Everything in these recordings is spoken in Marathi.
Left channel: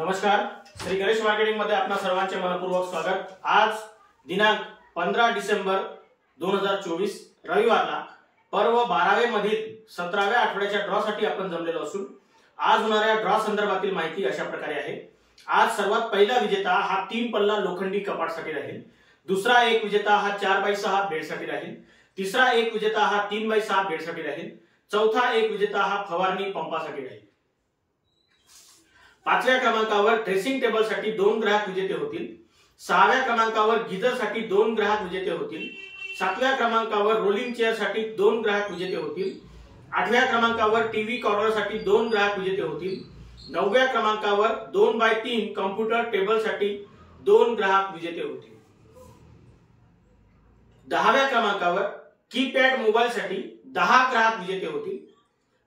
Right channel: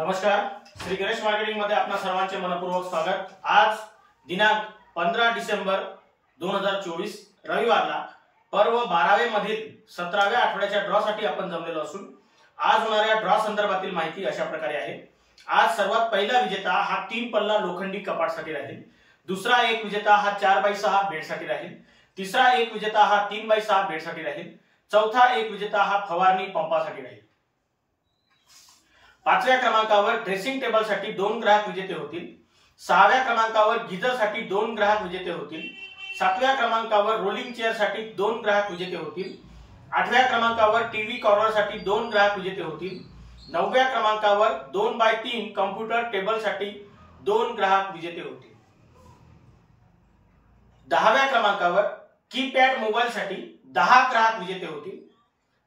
नमस्कार, श्री गणेश मार्केटिंग मध्ये आपणा सर्वांचे मनपूर्वक स्वागत। आज दिनांक 15 डिसेंबर 2024 रविवारला पर्व 12वे मधील 17व्या आठवड्याच्या ड्रॉ साठी आपण जमलेलो असून आज होणाऱ्या ड्रॉ संदर्भातील माहिती अशा प्रकारे आहे। आज सर्वात पहिला विजेता हा 3 पल्ला लोखंडी कपाट साठी राहील। दुसरा एक विजेता हा 4x6 बेड साठी राहील। तिसरा एक विजेता हा 3x6 बेड साठी राहील। चौथा एक विजेता हा फवारणी पंपासाठी राहील। 5व्या क्रमांकावर ड्रेसिंग टेबल साठी 2 ग्राहक विजेते होतील। 6व्या क्रमांकावर गीजर साठी 2 ग्राहक विजेते होतील। 7व्या क्रमांकावर रोलिंग चेअर साठी 2 ग्राहक विजेते होतील। 8व्या क्रमांकावर टीव्ही कॉर्नर साठी 2 ग्राहक विजेते होतील। 9व्या क्रमांकावर 2x3 कॉम्प्युटर टेबल साठी 2 ग्राहक विजेते होतील। 10व्या क्रमांकावर कीपॅड मोबाईल साठी 10 ग्राहक विजेते होतील।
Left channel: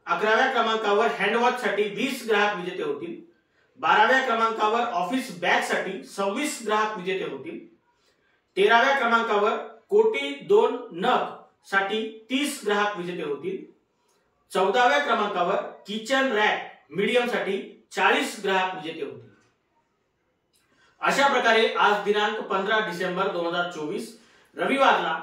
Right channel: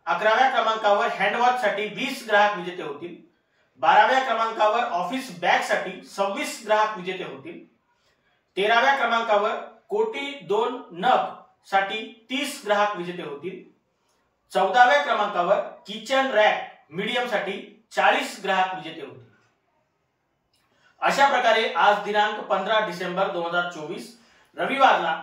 11व्या क्रमांकावर हँडवॉच साठी 20 ग्राहक विजेते होतील। 12व्या क्रमांकावर ऑफिस बॅग साठी 26 ग्राहक विजेते होतील। 13व्या क्रमांकावर कोटी 2 नग साठी 30 ग्राहक विजेते होतील। 14व्या क्रमांकावर किचन रॅक मीडियम साठी 40 ग्राहक विजेते होतील। अशा प्रकारे आज दिनांक 15 डिसेंबर 2024 रविवारला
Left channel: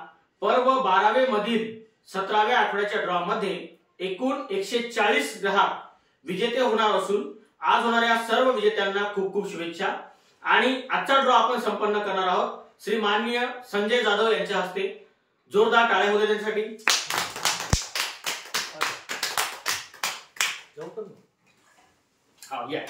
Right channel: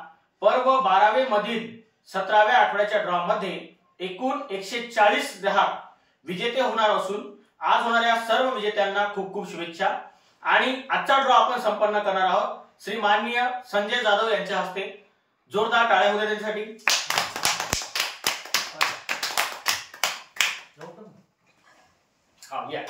पर्व 12वे मधील 17व्या आठवड्याच्या ड्रॉ मध्ये एकूण 140 ग्राहक विजेते होणार असून आज होणाऱ्या सर्व विजेत्यांना खूप खूप शुभेच्छा। आणि आजचा ड्रॉ आपण संपन्न करणार आहोत श्री माननीय संजय जाधव यांच्या हस्ते। जोरदार टाळ्या होऊ द्या त्यांच्यासाठी। या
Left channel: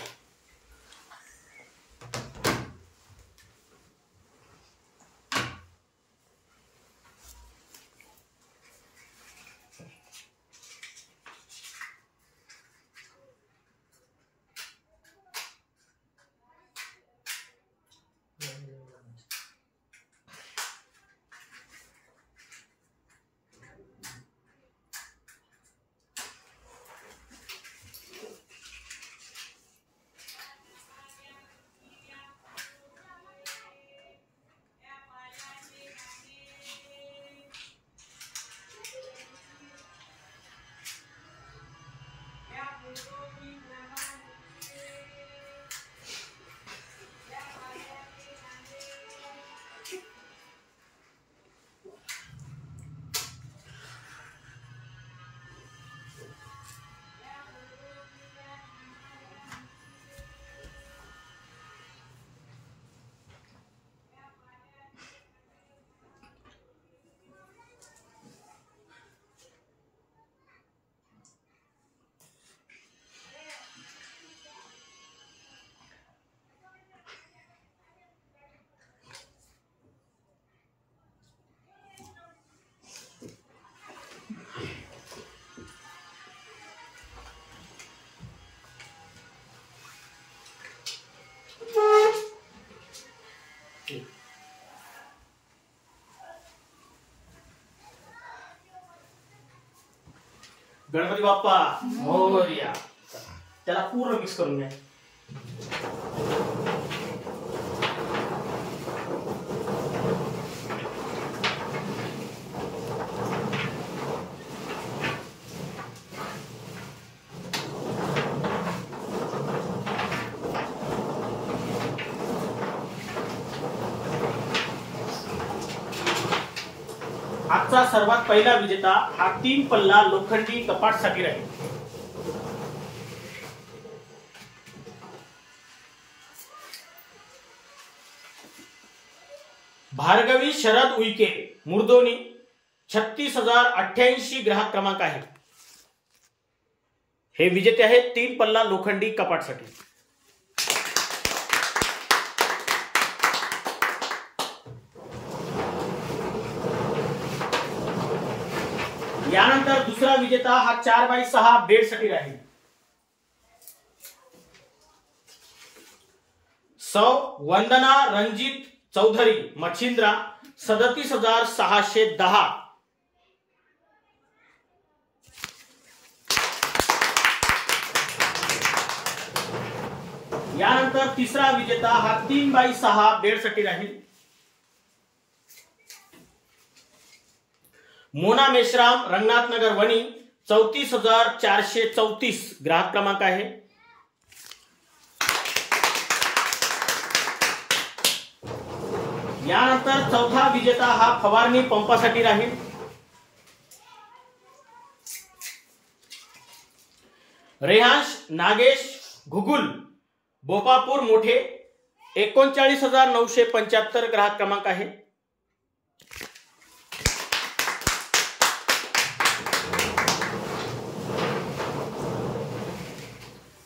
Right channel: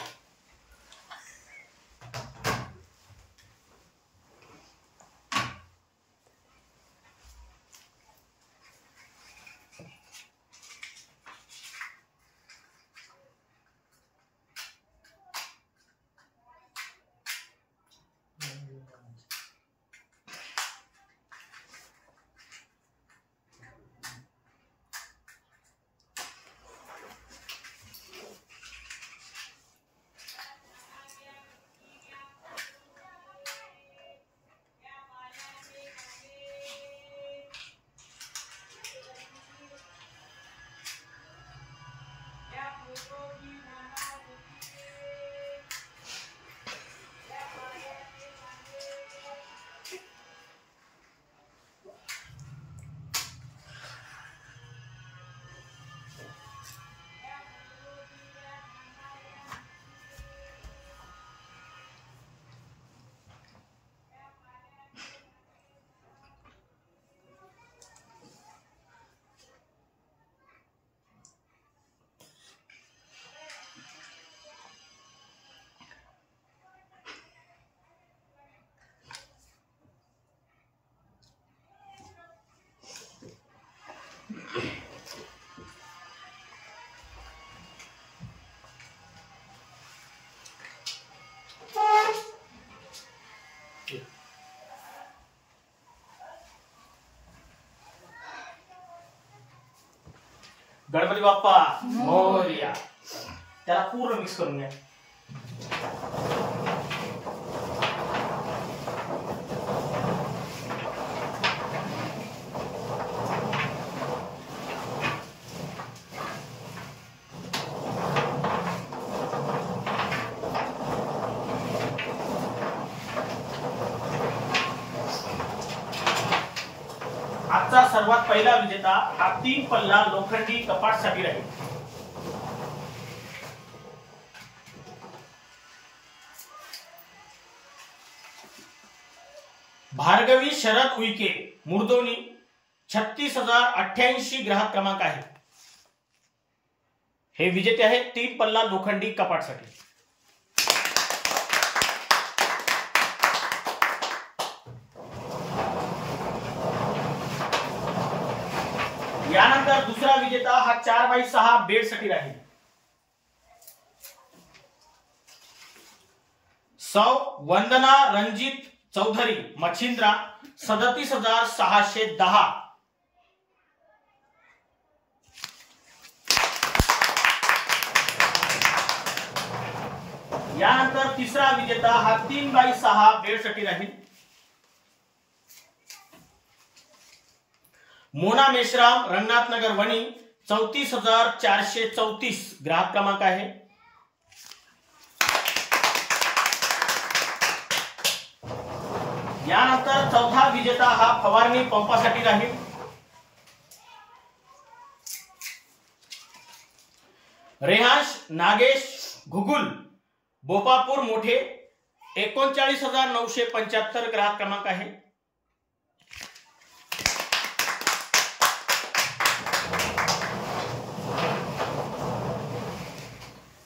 गणपती बाप्पा मोरया। त्याला पूर्ण मिक्स करून घ्या। आजचा सर्वात पहिला विजेता हा 3 पल्ला लोखंडी कपाट साठी राहील। भार्गवी शरद उईके मुर्दोनी 36,088 ग्राहक क्रमांक आहे। हे विजेते आहेत 3 पल्ला लोखंडी कपाट साठी। यानंतर दुसरा विजेता हा 4x6 बेड साठी राहील। सौ वंदना रणजित चौधरी मच्छिंद्रा 37,610। यानंतर तिसरा विजेता हा 3x6 बेड साठी राहील। मोना मेश्राम रंगनाथ नगर वणी 34,434 ग्राहक क्रमांक आहे। यानंतर चौथा विजेता हा फवारणी पंपासाठी राहील. रेहांश नागेश घुगुल बोपापूर मोठे 39,975 ग्राहक क्रमांक आहे.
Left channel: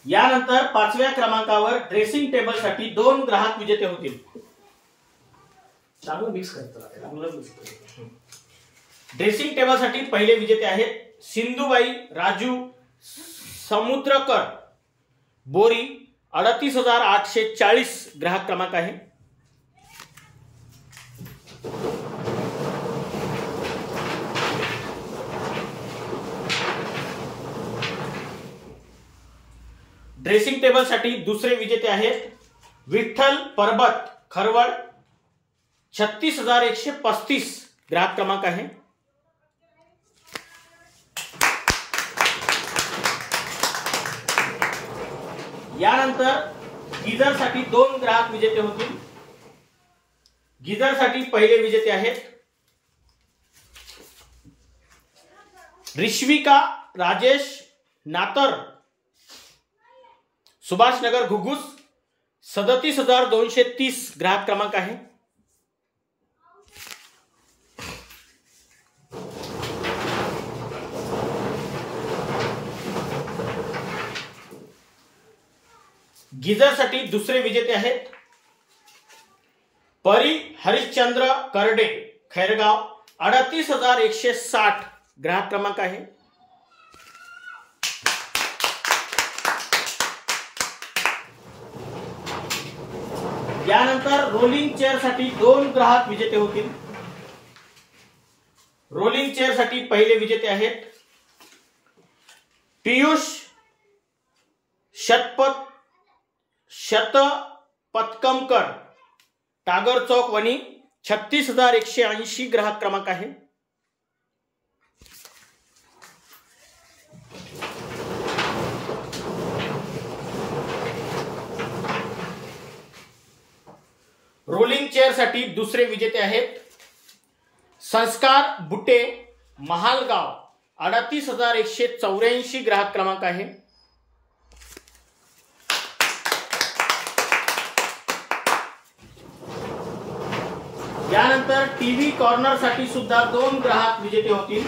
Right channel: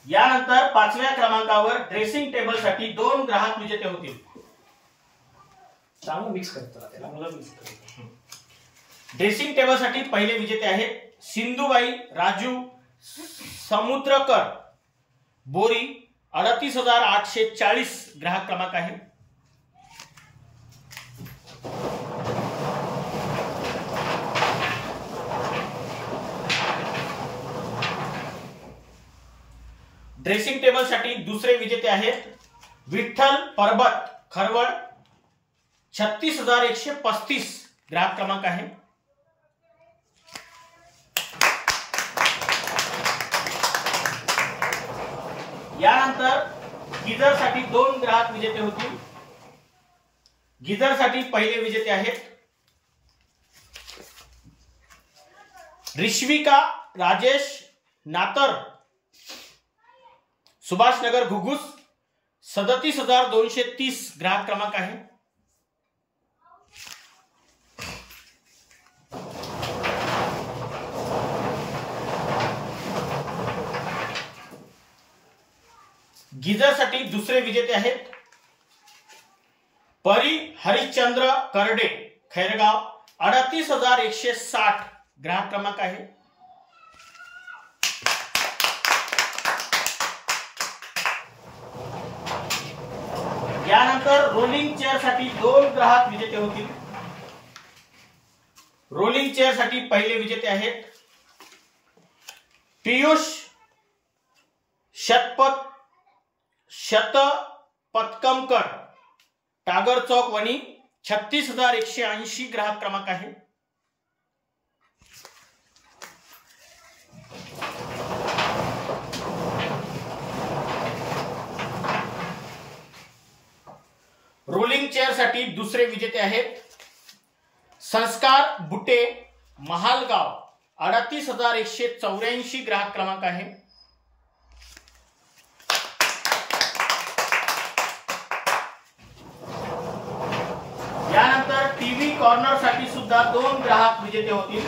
यानंतर 5व्या क्रमांकावर ड्रेसिंग टेबल साठी 2 ग्राहक विजेते होतील. चांगलं मिक्स करतो. ड्रेसिंग टेबल साठी पहिले विजेते आहेत सिंधुबाई राजू समुद्रकर बोरी 38,840 ग्राहक क्रमांक आहे. ड्रेसिंग टेबल साठी दुसरे विजेते आहेत विठ्ठल परबत खरवड 36,135 ग्राहक क्रमांक आहे. यानंतर गिझर साठी 2 ग्राहक विजेते होतील. गिझर साठी पहिले विजेते आहेत रिश्विका राजेश नातर सुभाषनगर घुगुस 37,230 ग्राहक क्रमांक आहे. गिझर साठी दुसरे विजेते आहेत परी हरिश्चंद्र करडे खैरगाव 38,160 ग्राहक क्रमांक आहे. यानंतर रोलिंग चेअर साठी 2 ग्राहक विजेते होतील. रोलिंग चेअर साठी पहिले विजेते आहेत पियुष शतपथकमकर टागर चौक वणी 36,180 ग्राहक क्रमांक आहे. रोलिंग चेअर साठी दुसरे विजेते आहेत संस्कार बुटे महालगाव 38,184 ग्राहक क्रमांक आहे. यानंतर टीव्ही कॉर्नर साठी सुद्धा 2 ग्राहक विजेते होतील.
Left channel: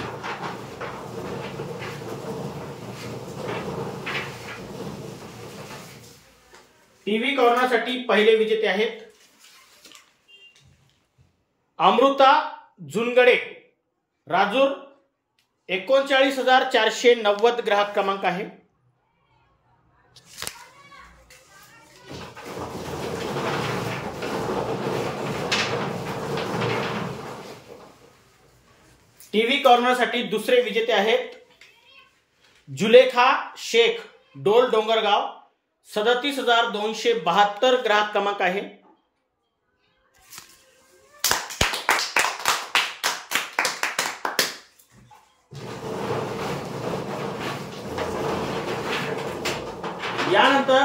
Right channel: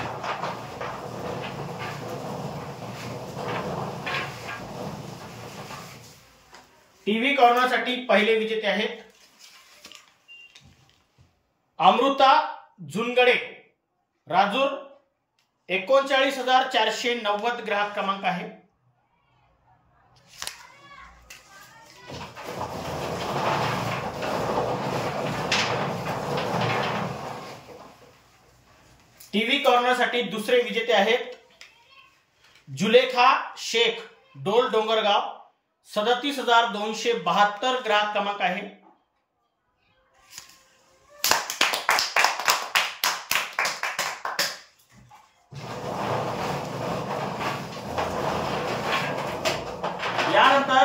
टीव्ही कॉर्नर साठी पहिले विजेते आहेत अमृता जुनगडे राजूर 39,490 ग्राहक क्रमांक आहे. टीव्ही कॉर्नर साठी दुसरे विजेते आहेत जुलेखा शेख डोल डोंगरगाव 37,272 ग्राहक क्रमांक आहे. यानंतर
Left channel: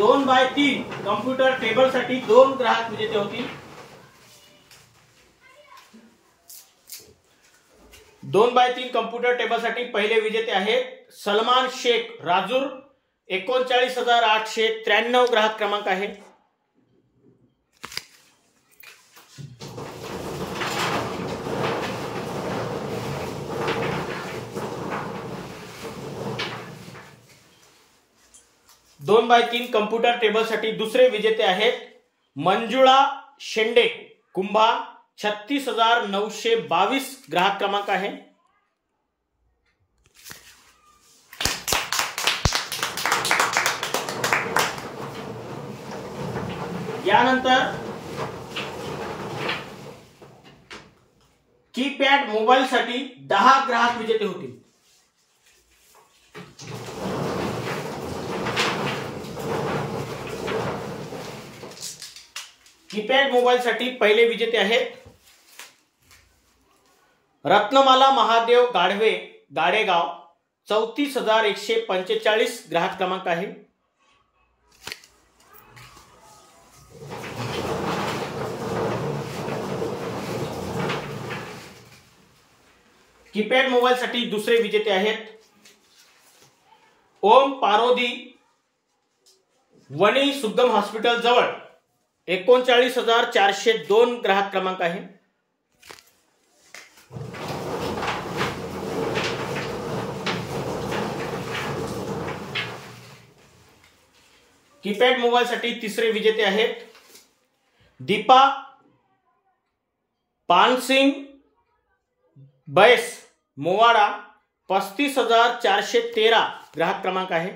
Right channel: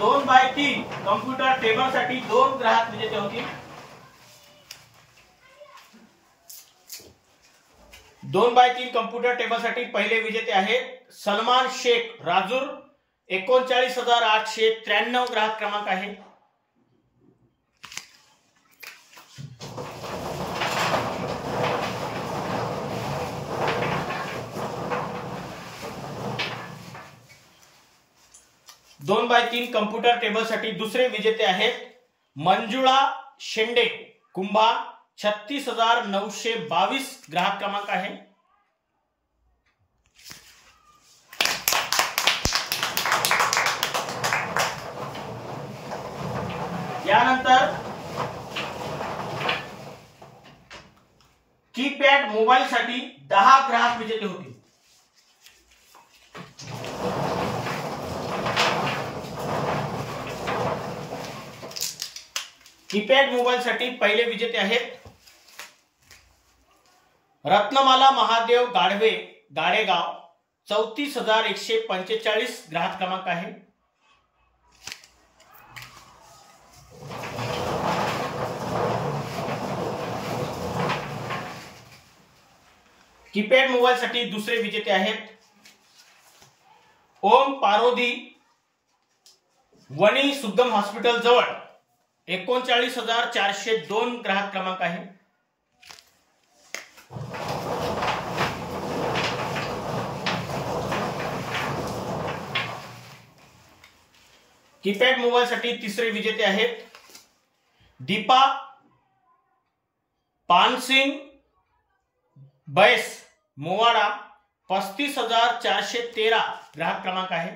2x3 कॉम्प्युटर टेबल साठी 2 ग्राहक विजेते होतील. 2x3 कॉम्प्युटर टेबल साठी पहिले विजेते आहेत सलमान शेख राजूर 39,893 ग्राहक क्रमांक आहे. दोन बाय 3 कॉम्प्युटर टेबल साठी दुसरे विजेते आहेत मंजुळा शेंडे कुंभा 36,922 ग्राहक क्रमांक आहे. यानंतर कीपॅड मोबाईल साठी 10 ग्राहक विजेते होतील. कीपॅड मोबाईल साठी पहिले विजेते आहेत रत्नमाला महादेव गाडवे गाडेगाव 34,145 ग्राहक क्रमांक आहे. कीपॅड मोबाईल साठी दुसरे विजेते आहेत ओम पारोदी, वणी सुगम हॉस्पिटल जवळ 39,402 ग्राहक क्रमांक आहे। कीपॅड मोबाईल साठी तिसरे विजेते आहेत दीपा पानसिंग बैस, मोवाडा 35,413 ग्राहक क्रमांक आहे।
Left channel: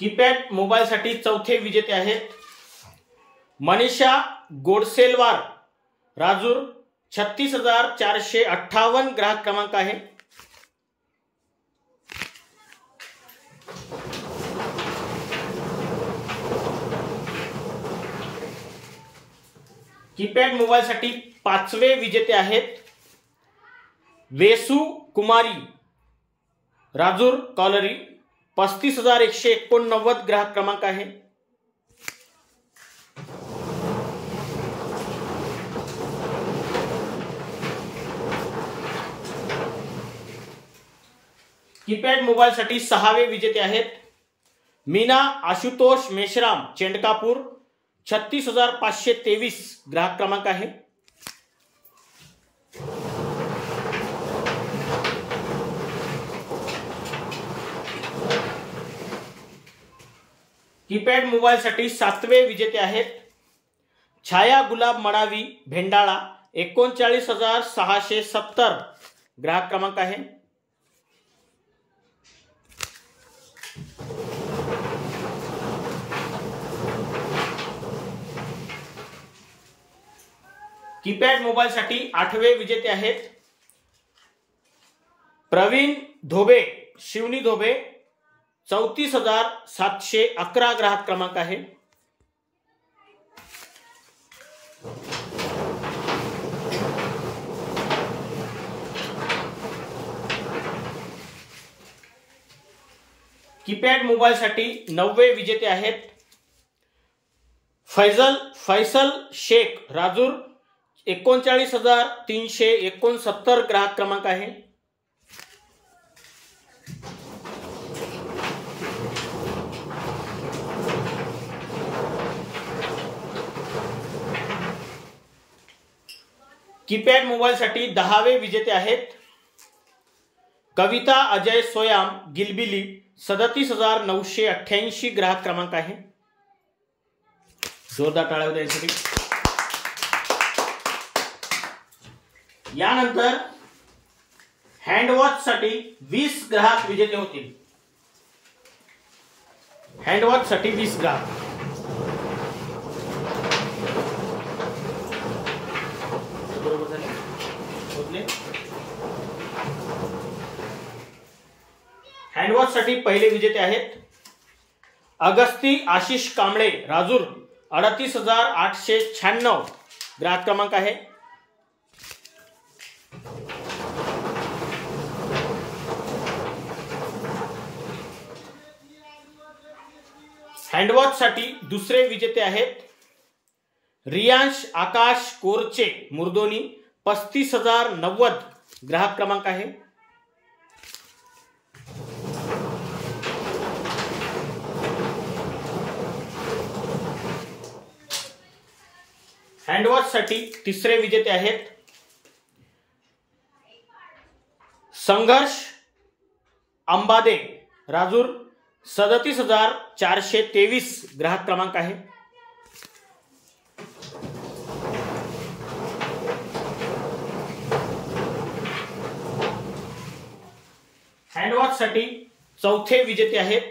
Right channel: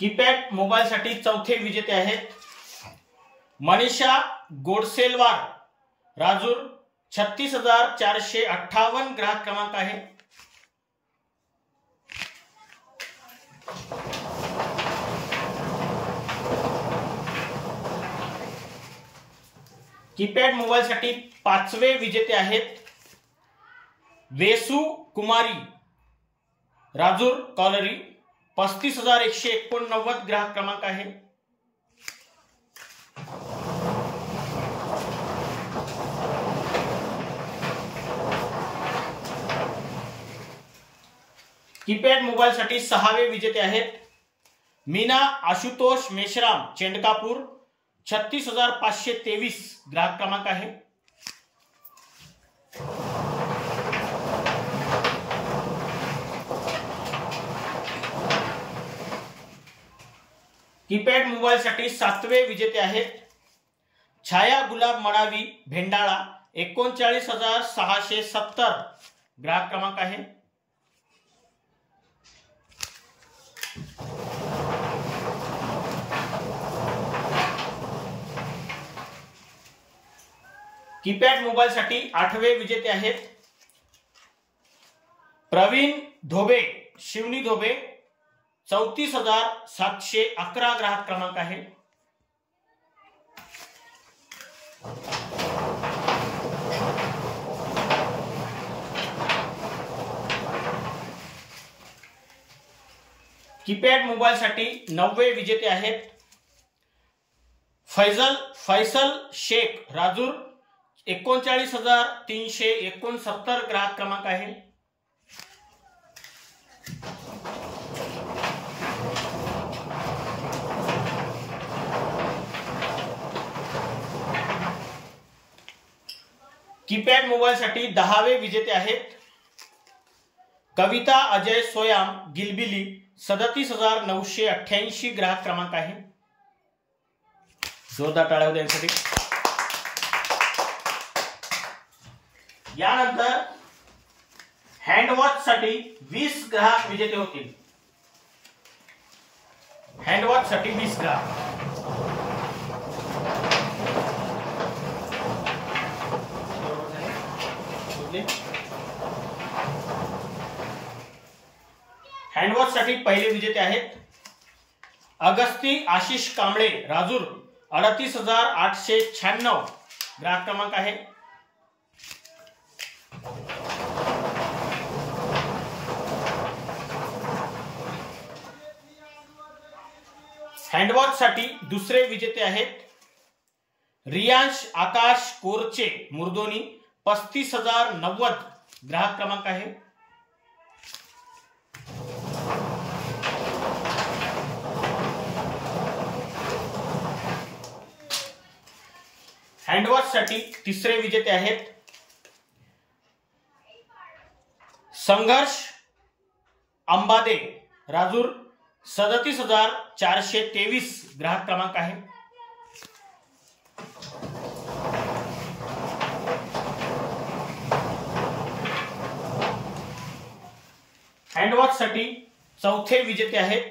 कीपॅड मोबाईल साठी चौथे विजेते आहेत मनीषा गोडसेलवार, राजूर 36,458 ग्राहक क्रमांक आहे। कीपॅड मोबाईल साठी पाचवे विजेते आहेत वेसू कुमारी, राजूर कॉलरी 35,189 ग्राहक क्रमांक आहे। कीपॅड मोबाईल साठी सहावे विजेते आहेत मीना आशुतोष मेश्राम, चेंडकापूर 36,523 ग्राहक क्रमांक आहे। कीपॅड मोबाईल साठी सातवे विजेते आहेत छाया गुलाब मडावी, भेंडाळा 39,670 ग्राहक क्रमांक आहे। कीपॅड मोबाईल साठी आठवे विजेते आहेत प्रवीण धोबे, शिवनी धोबे 34,711 ग्राहक क्रमांक आहे। कीपॅड मोबाईल साठी नववे विजेते आहेत फैसल शेख, राजूर 39,369 ग्राहक क्रमांक आहे। कीपॅड मोबाईल साठी दहावे विजेते आहेत कविता अजय सोयाम, गिलबिली 37,988 ग्राहक क्रमांक आहे। जोरदार टाळ्या होत्या यासाठी। यानंतर हँडवॉच साठी 20 ग्राहक विजेते होतील। हँडवॉच साठी 20 ग्राहक हँडवॉच साठी पहिले विजेते आहेत अगस्ती आशिष कांबळे, राजूर 38,896 ग्राहक क्रमांक आहे। हँडवॉच साठी दुसरे विजेते आहेत रियांश आकाश कोरचे, मुर्दोनी 35,090 ग्राहक क्रमांक आहे। हँडवॉच साठी तिसरे विजेते आहेत संघर्ष अंबादे, राजूर 37,423 ग्राहक क्रमांक आहे। हँडवॉच साठी चौथे विजेते आहेत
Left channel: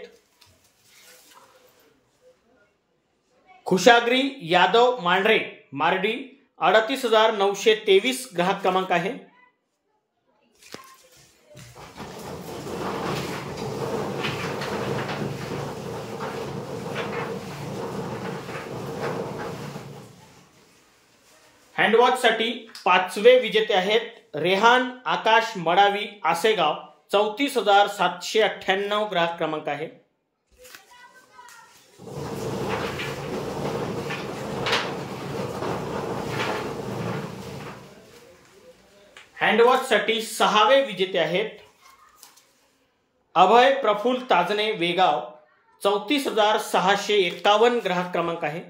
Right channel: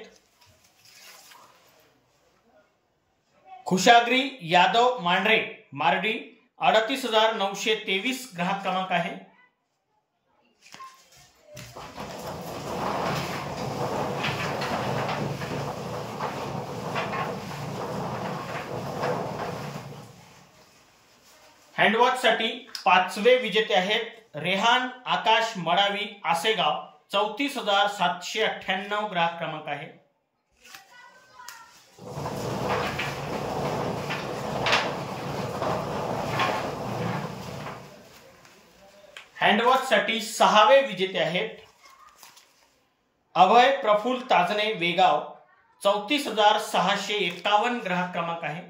खुशाग्री यादव मांढरे, मार्डी 38,923 ग्राहक क्रमांक आहे। हँडवॉच साठी पाचवे विजेते आहेत रेहान आकाश मडावी, आसेगाव 34,798 ग्राहक क्रमांक आहे. हँडवॉचसाठी 6वे विजेते आहेत अभय प्रफुल्ल ताजने वेगाव, 34,651 ग्राहक क्रमांक आहे.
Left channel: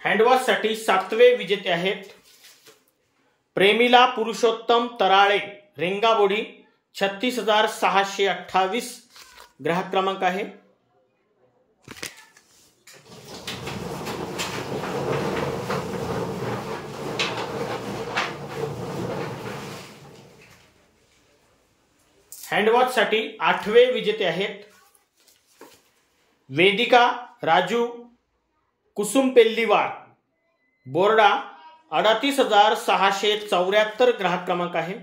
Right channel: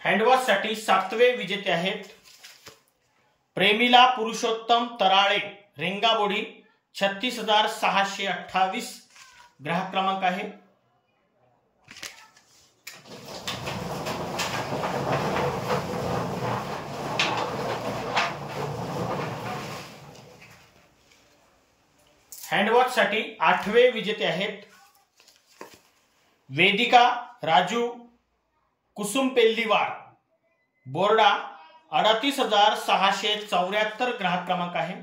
हँडवॉचसाठी 7वे विजेते आहेत प्रेमिला पुरुषोत्तम तराळे, रेंगाबोडी, 36,628 ग्राहक क्रमांक आहे. हँडवॉचसाठी 8वे विजेते आहेत वेदिका राजू कुसुमपेल्लीवार, बोर्डा, 38,674 ग्राहक क्रमांक आहे.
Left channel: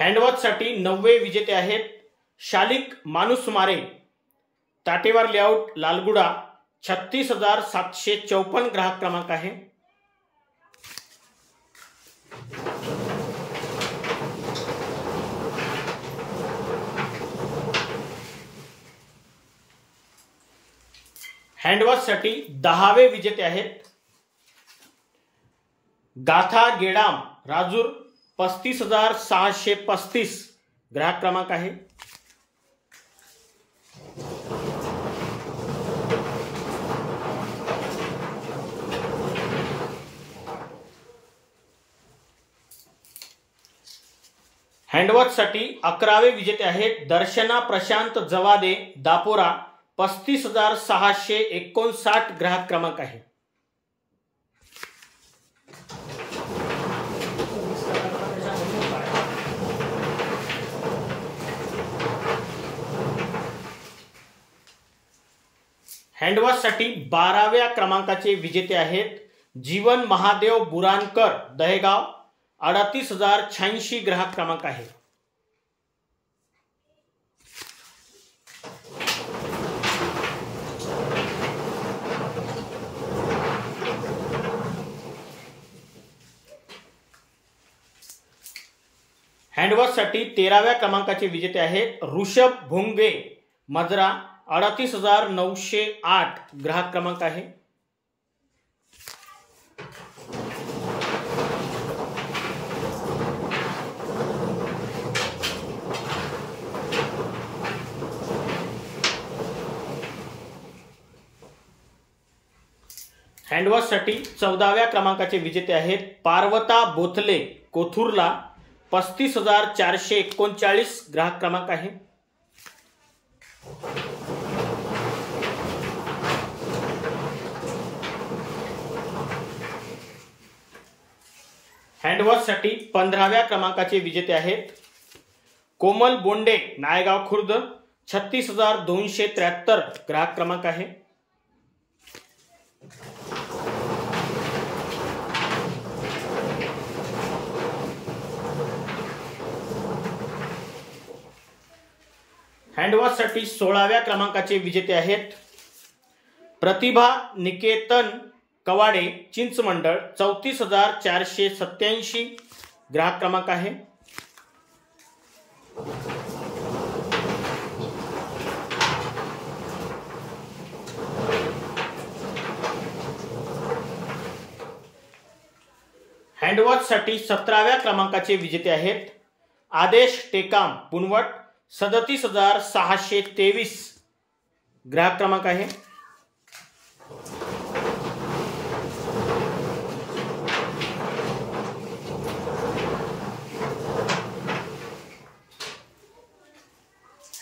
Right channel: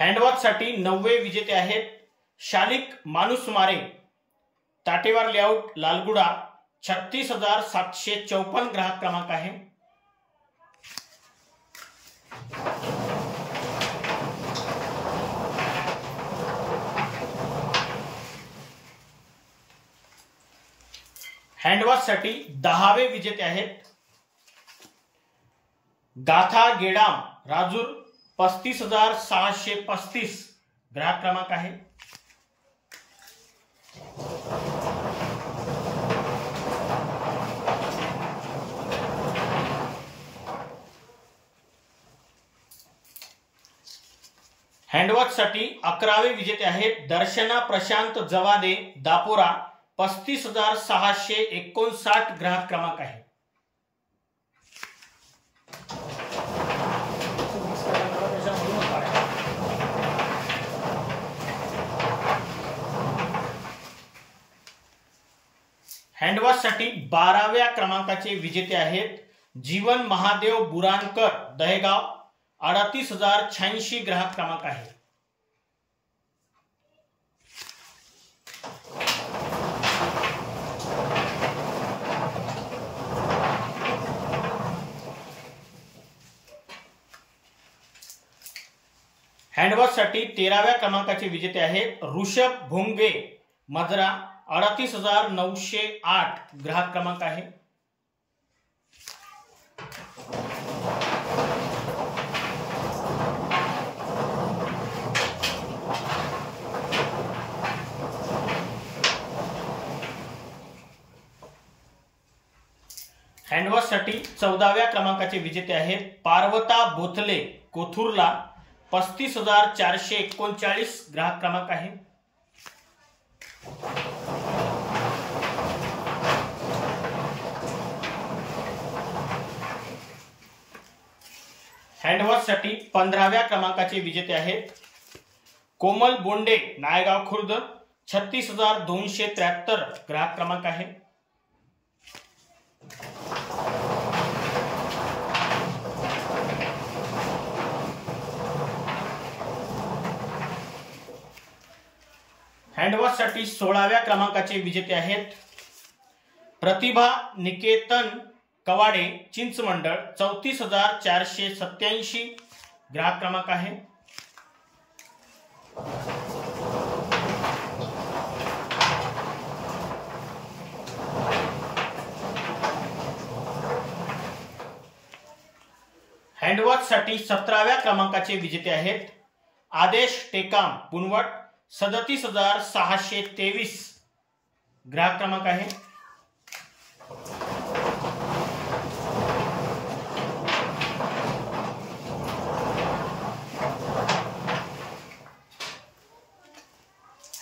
हँडवॉचसाठी 9वे विजेते आहेत शालिक मानुसमारे, ताटेवार लेआउट, लालगुडा, 36,754 ग्राहक क्रमांक आहे. हँडवॉचसाठी 10वे विजेते आहेत गाथा गेडाम, राजूर, 35,635 ग्राहक क्रमांक आहे. हँडवॉचसाठी 11वे विजेते आहेत दर्शना प्रशांत जवादे, दापोरा, 35,659 ग्राहक क्रमांक आहे. हँडवॉचसाठी 12व्या क्रमांकाचे विजेते आहेत जीवन महादेव बुरानकर, दहेगाव, 38,086 ग्राहक क्रमांक आहे. हँडवॉचसाठी 13व्या क्रमांकाचे विजेते आहेत ऋषभ भोंगे, मजरा, 38,908 ग्राहक क्रमांक आहे. हँडवॉचसाठी 14व्या क्रमांकाचे विजेते आहेत पार्वता बोथले, कोथुरला, 35,439 ग्राहक क्रमांक आहे. हँडवॉचसाठी 15व्या क्रमांकाचे विजेते आहेत कोमल बोंडे, नायगाव खुर्द, 36,273 ग्राहक क्रमांक आहे. हँडवॉचसाठी 16व्या क्रमांकाचे विजेते आहेत प्रतिभा निकेतन कवाडे, चिंचमंडळ, 34,487 ग्राहक क्रमांक आहे. हँडवॉचसाठी 17व्या क्रमांकाचे विजेते आहेत आदेश टेकाम, पुनवट, 37,623 ग्राहक क्रमांक आहे.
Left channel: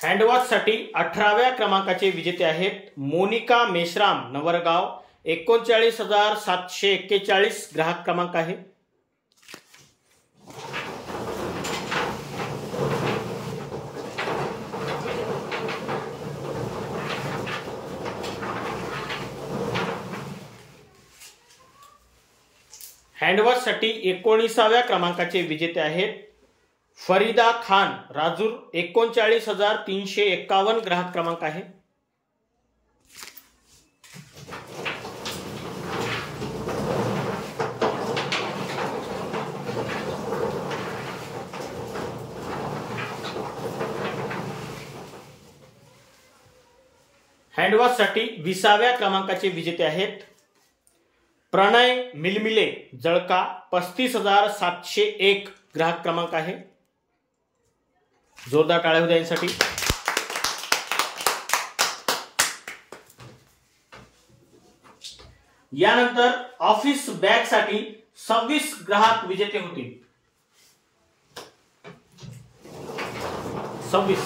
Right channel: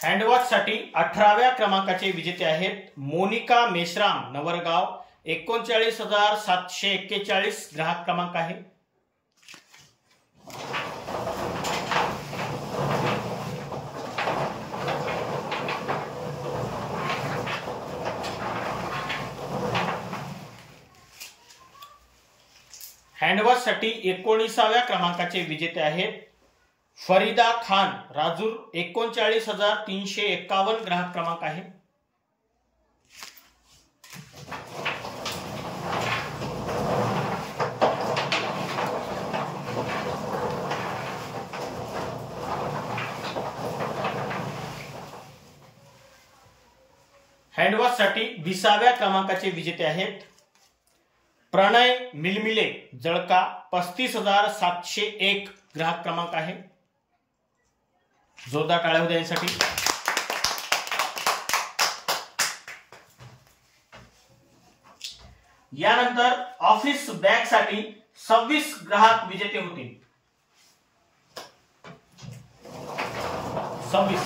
हँडवॉचसाठी 18व्या क्रमांकाचे विजेते आहेत मोनिका मेश्राम, नवरगाव, 39,741 ग्राहक क्रमांक आहे. हँडवॉचसाठी 19व्या क्रमांकाचे विजेते आहेत फरीदा खान राजूर, 39,351 ग्राहक क्रमांक आहे. हँडवॉचसाठी 20व्या क्रमांकाचे विजेते आहेत प्रणय मिलमिले जळका, 35,701 ग्राहक क्रमांक आहे. जोरदार टाळ्या होत्या यांसाठी. यानंतर ऑफिस बॅग साठी 26 ग्राहक विजेते होतील. 26.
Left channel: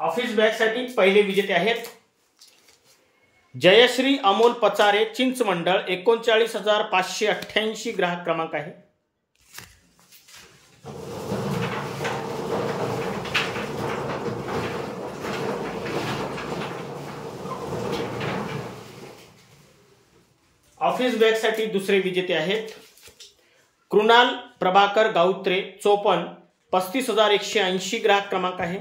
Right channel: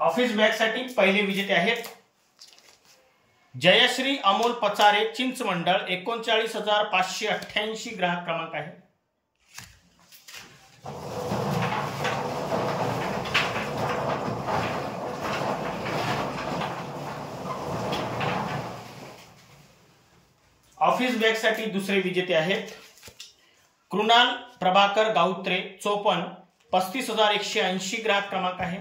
ऑफिस बॅग साठी पहिले विजेते आहेत जयश्री अमोल पचारे चिंचमंडळ, 39,588 ग्राहक क्रमांक आहे. ऑफिस बॅग साठी दुसरे विजेते आहेत कृणाल प्रभाकर गाउत्रे चोपन, 35,180 ग्राहक क्रमांक आहे.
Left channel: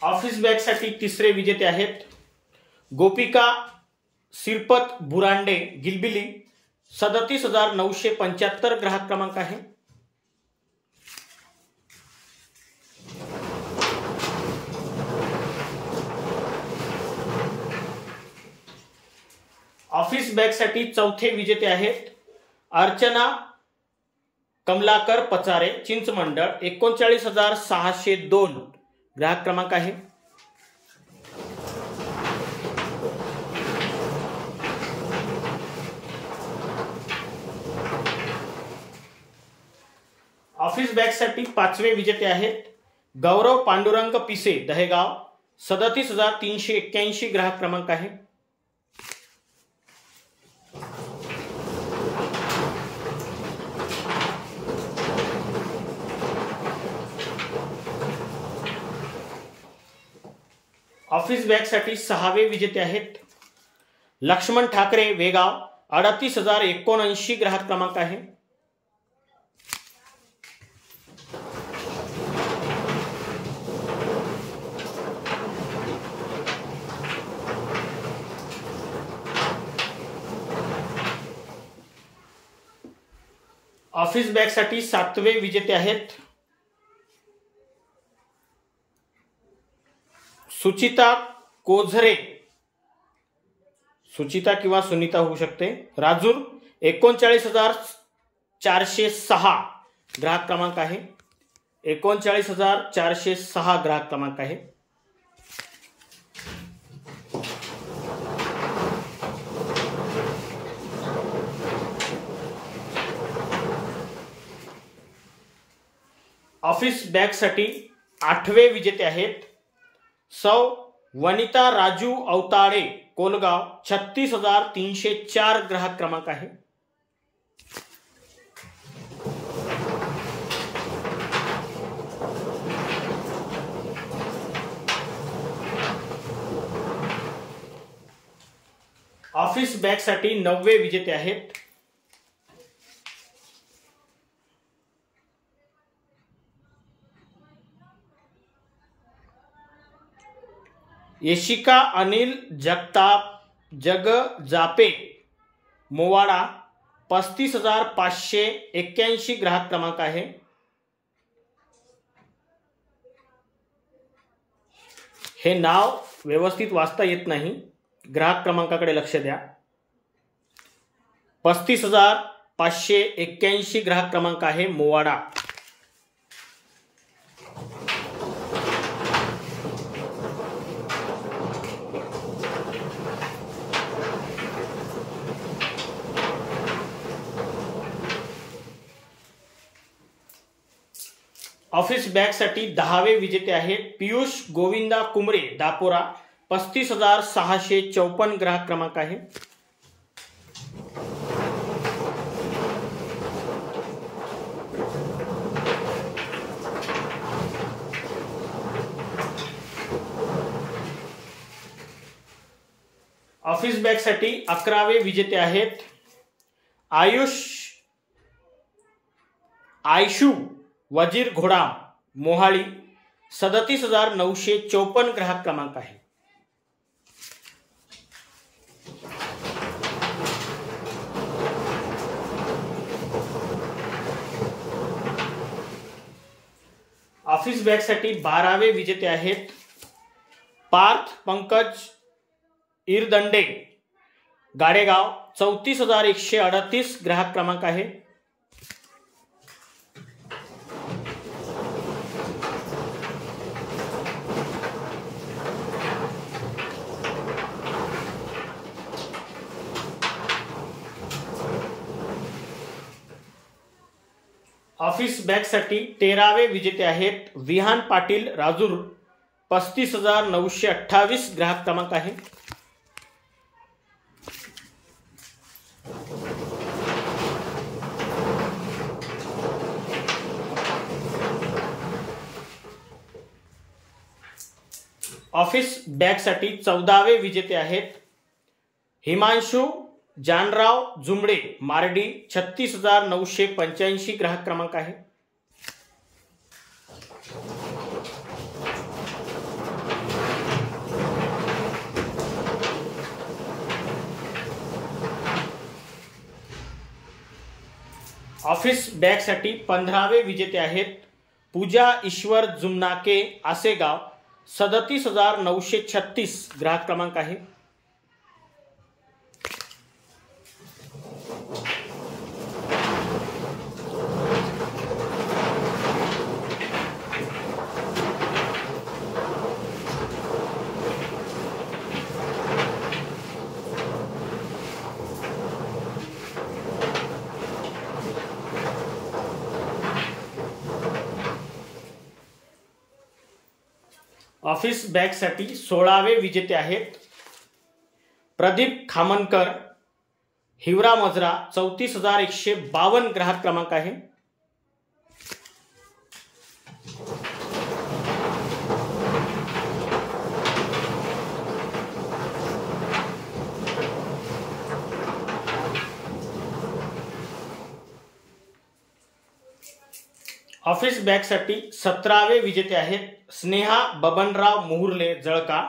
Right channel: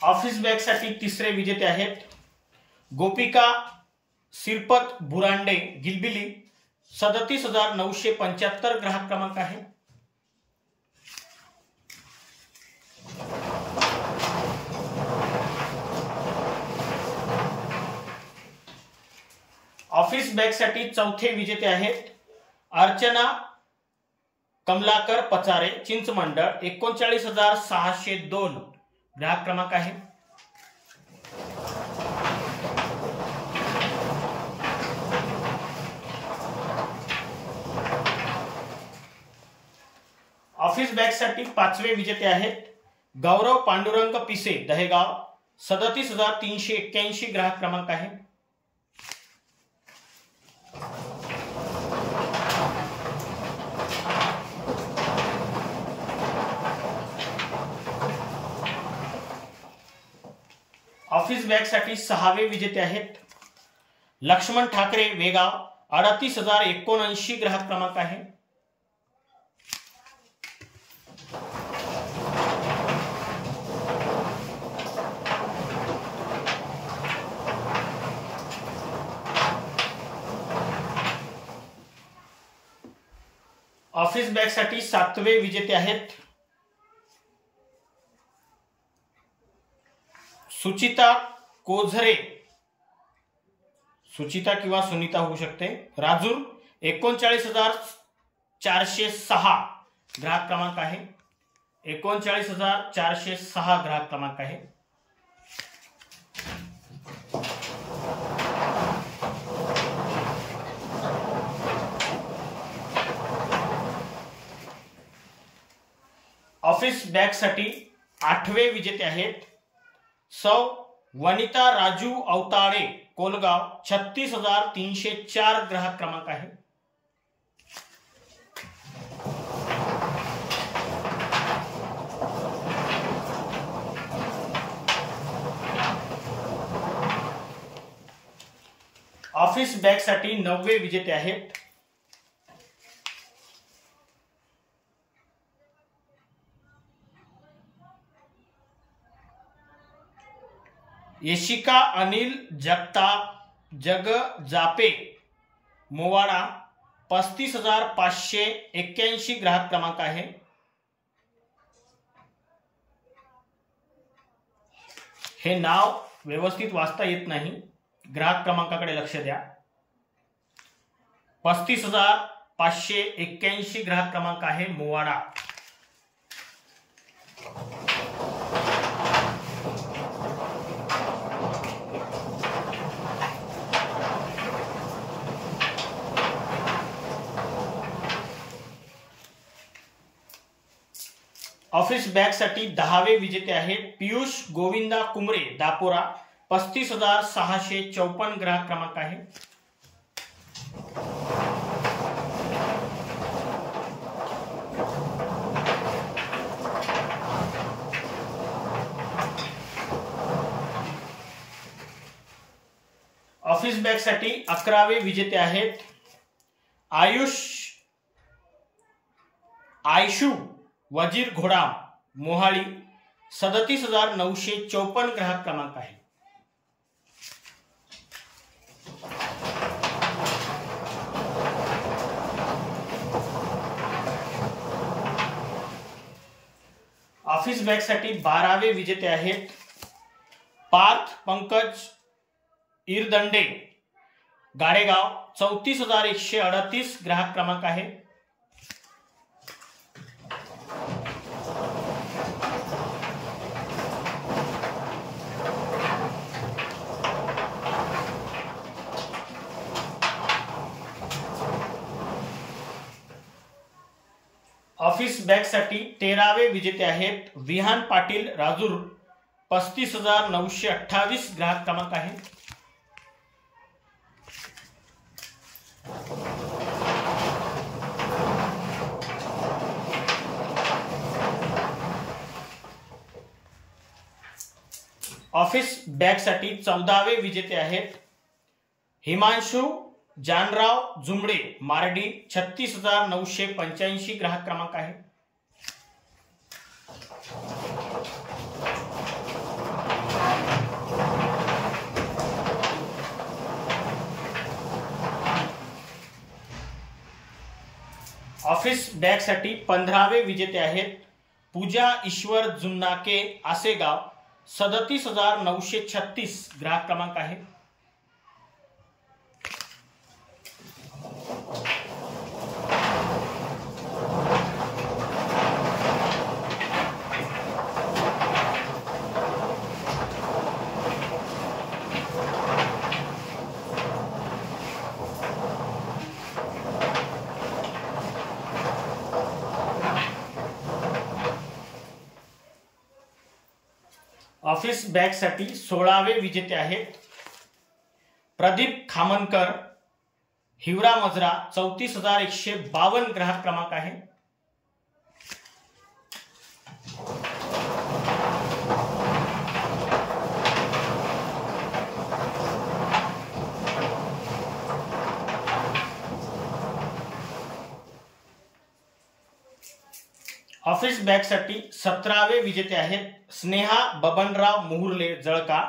ऑफिस बॅग साठी तिसरे विजेते आहेत गोपिका सिरपत बुरांडे गिलबिली, 37,975 ग्राहक क्रमांक आहे. ऑफिस बॅग साठी चौथे विजेते आहेत अर्चना कमलाकर पचारे चिंचमंडळ, 39,602 ग्राहक क्रमांक आहे. ऑफिस बॅग साठी पाचवे विजेते आहेत गौरव पांडुरंग पिसे दहेगाव, 37,381 ग्राहक क्रमांक आहे. ऑफिस बॅग साठी सहावे विजेते आहेत लक्ष्मण ठाकरे वेगाव, 38,079 ग्राहक क्रमांक आहे. ऑफिस बॅग साठी सातवे विजेते आहेत सुचिता कोझरे, सुचिता किंवा सुनीता होऊ शकते, राजूर, 39,406 ग्राहक क्रमांक आहे. 39,406 ग्राहक क्रमांक आहे. ऑफिस बॅग साठी आठवे विजेते आहेत सौ वनिता राजू अवताळे कोलगाव, 36,304 ग्राहक क्रमांक आहे. ऑफिस बॅग साठी नववे विजेते आहेत यशिका अनिल जगताप जगजापे मोवाडा, 35,581 ग्राहक क्रमांक आहे. हे नाव व्यवस्थित वाचता येत नाही, ग्राहक क्रमांकाकडे लक्ष द्या. 35,581 ग्राहक क्रमांक आहे मोवाडा. ऑफिस बॅग साठी दहावे विजेते आहेत पियुष गोविंदा कुमरे दापोरा, 35,654 ग्राहक क्रमांक आहे. ऑफिस बॅग साठी 11वे विजेते आहेत आयशू वजीर घोडा मोहाळी 37,954 ग्राहक क्रमांक आहे. ऑफिस बॅग साठी 12वे विजेते आहेत पार्थ पंकज इरदंडे गाडेगाव 34,138 ग्राहक क्रमांक आहे. ऑफिस बॅग साठी 13वे विजेते आहेत विहान पाटील राजूर 35,928 ग्राहक क्रमांक आहे. ऑफिस बॅग साठी 14वे विजेते आहेत हिमांशु जानराव जुमडे मारडी 36,985 ग्राहक क्रमांक आहे. ऑफिस बॅग साठी 15वे विजेते आहेत पूजा ईश्वर जुमनाके आसेगाव 37,936 ग्राहक क्रमांक आहे. ऑफिस बॅग साठी 16वे विजेते आहेत प्रदीप खामनकर हिवरा मजरा 34,152 ग्राहक क्रमांक आहे. ऑफिस बॅग साठी 17वे विजेते आहेत स्नेहा बबनराव मुहुर्ले जळका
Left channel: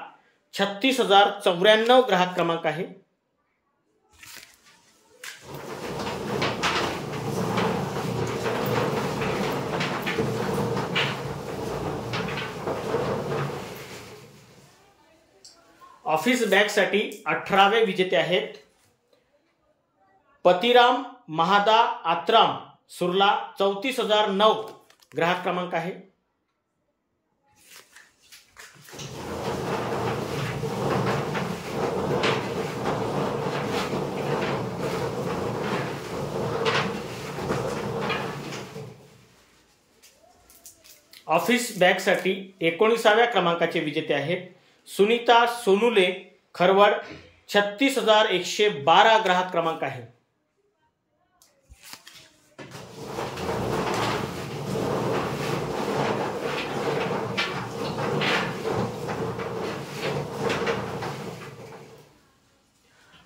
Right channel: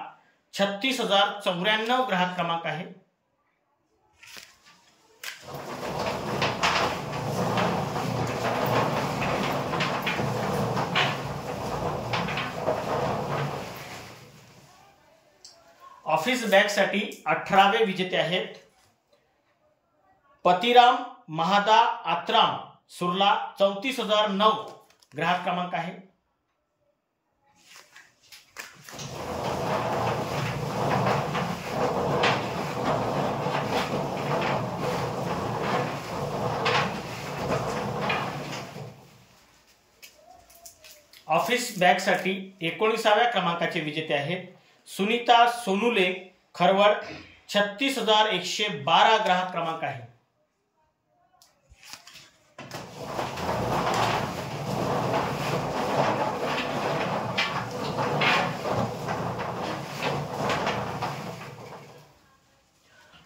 36,094 ग्राहक क्रमांक आहे. ऑफिस बॅग साठी 18वे विजेते आहेत पतिराम महादा आत्राम सुरला 34,009 ग्राहक क्रमांक आहे. ऑफिस बॅग साठी 19व्या क्रमांकाचे विजेते आहेत सुनीता सोनुले खरवड 36,112 ग्राहक क्रमांक आहे.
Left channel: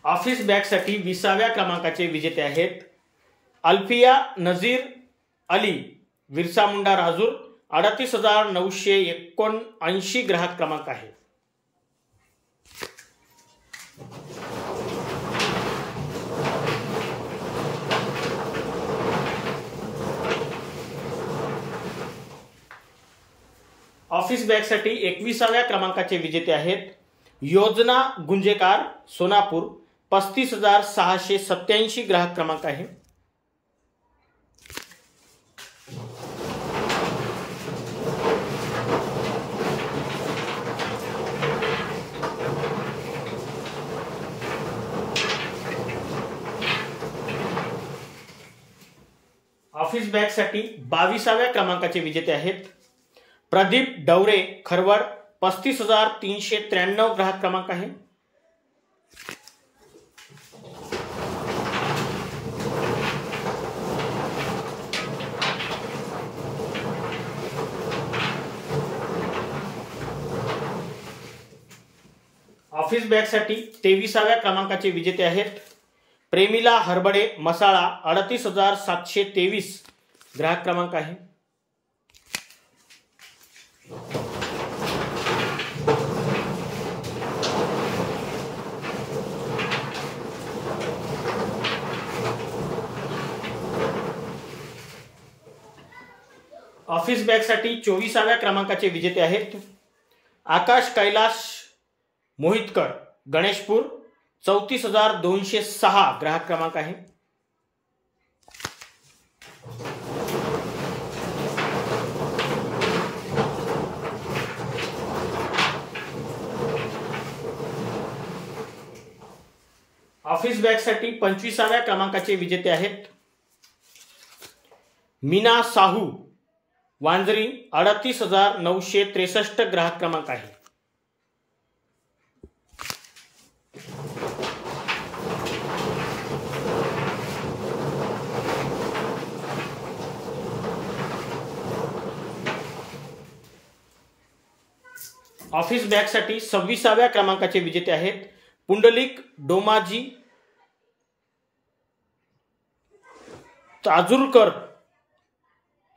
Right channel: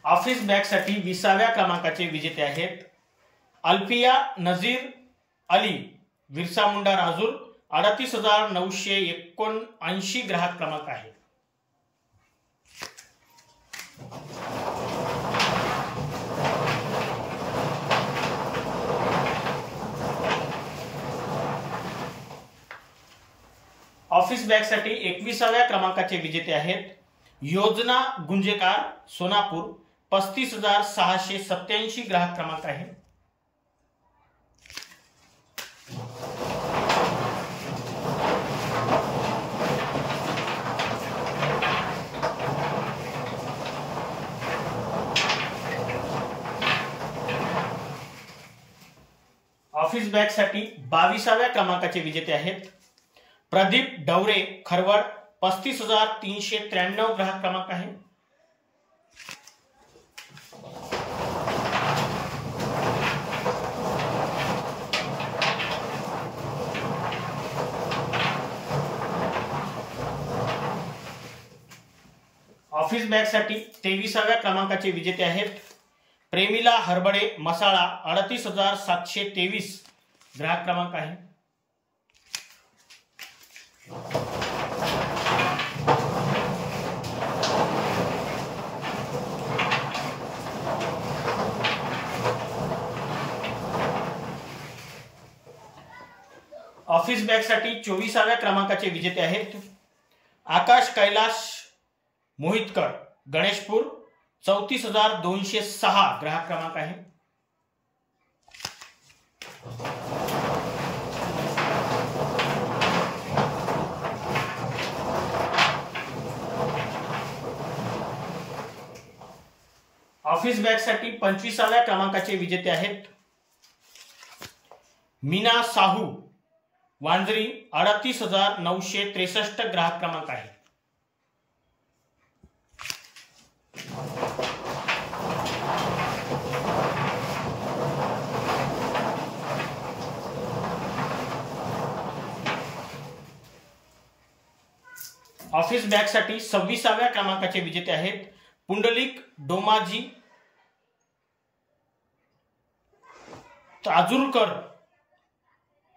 ऑफिस बॅग साठी 20व्या क्रमांकाचे विजेते आहेत अल्फिया नजीर अली विरसा मुंडा राजूर 38,979 ग्राहक क्रमांक आहे. ऑफिस बॅग साठी 21व्या क्रमांकाचे विजेते आहेत योजना गुंजेकार सोनापूर 35,687 ग्राहक क्रमांक आहे. ऑफिस बॅग साठी 22व्या क्रमांकाचे विजेते आहेत प्रदीप डवरे खरवड 35,393 ग्राहक क्रमांक आहे. ऑफिस बॅगसाठी 23व्या क्रमांकाचे विजेते आहेत प्रेमिला हरबडे मसाळा 38,723 ग्राहक क्रमांक आहे. ऑफिस बॅगसाठी 24व्या क्रमांकाचे विजेते आहेत आकाश कैलाश मोहितकर गणेशपूर 34,206 ग्राहक क्रमांक आहे. ऑफिस बॅगसाठी 25व्या क्रमांकाचे विजेते आहेत मीना साहू वांजरी 38,963 ग्राहक क्रमांक आहे. ऑफिस बॅगसाठी 26व्या क्रमांकाचे विजेते आहेत पुंडलिक डोमाजी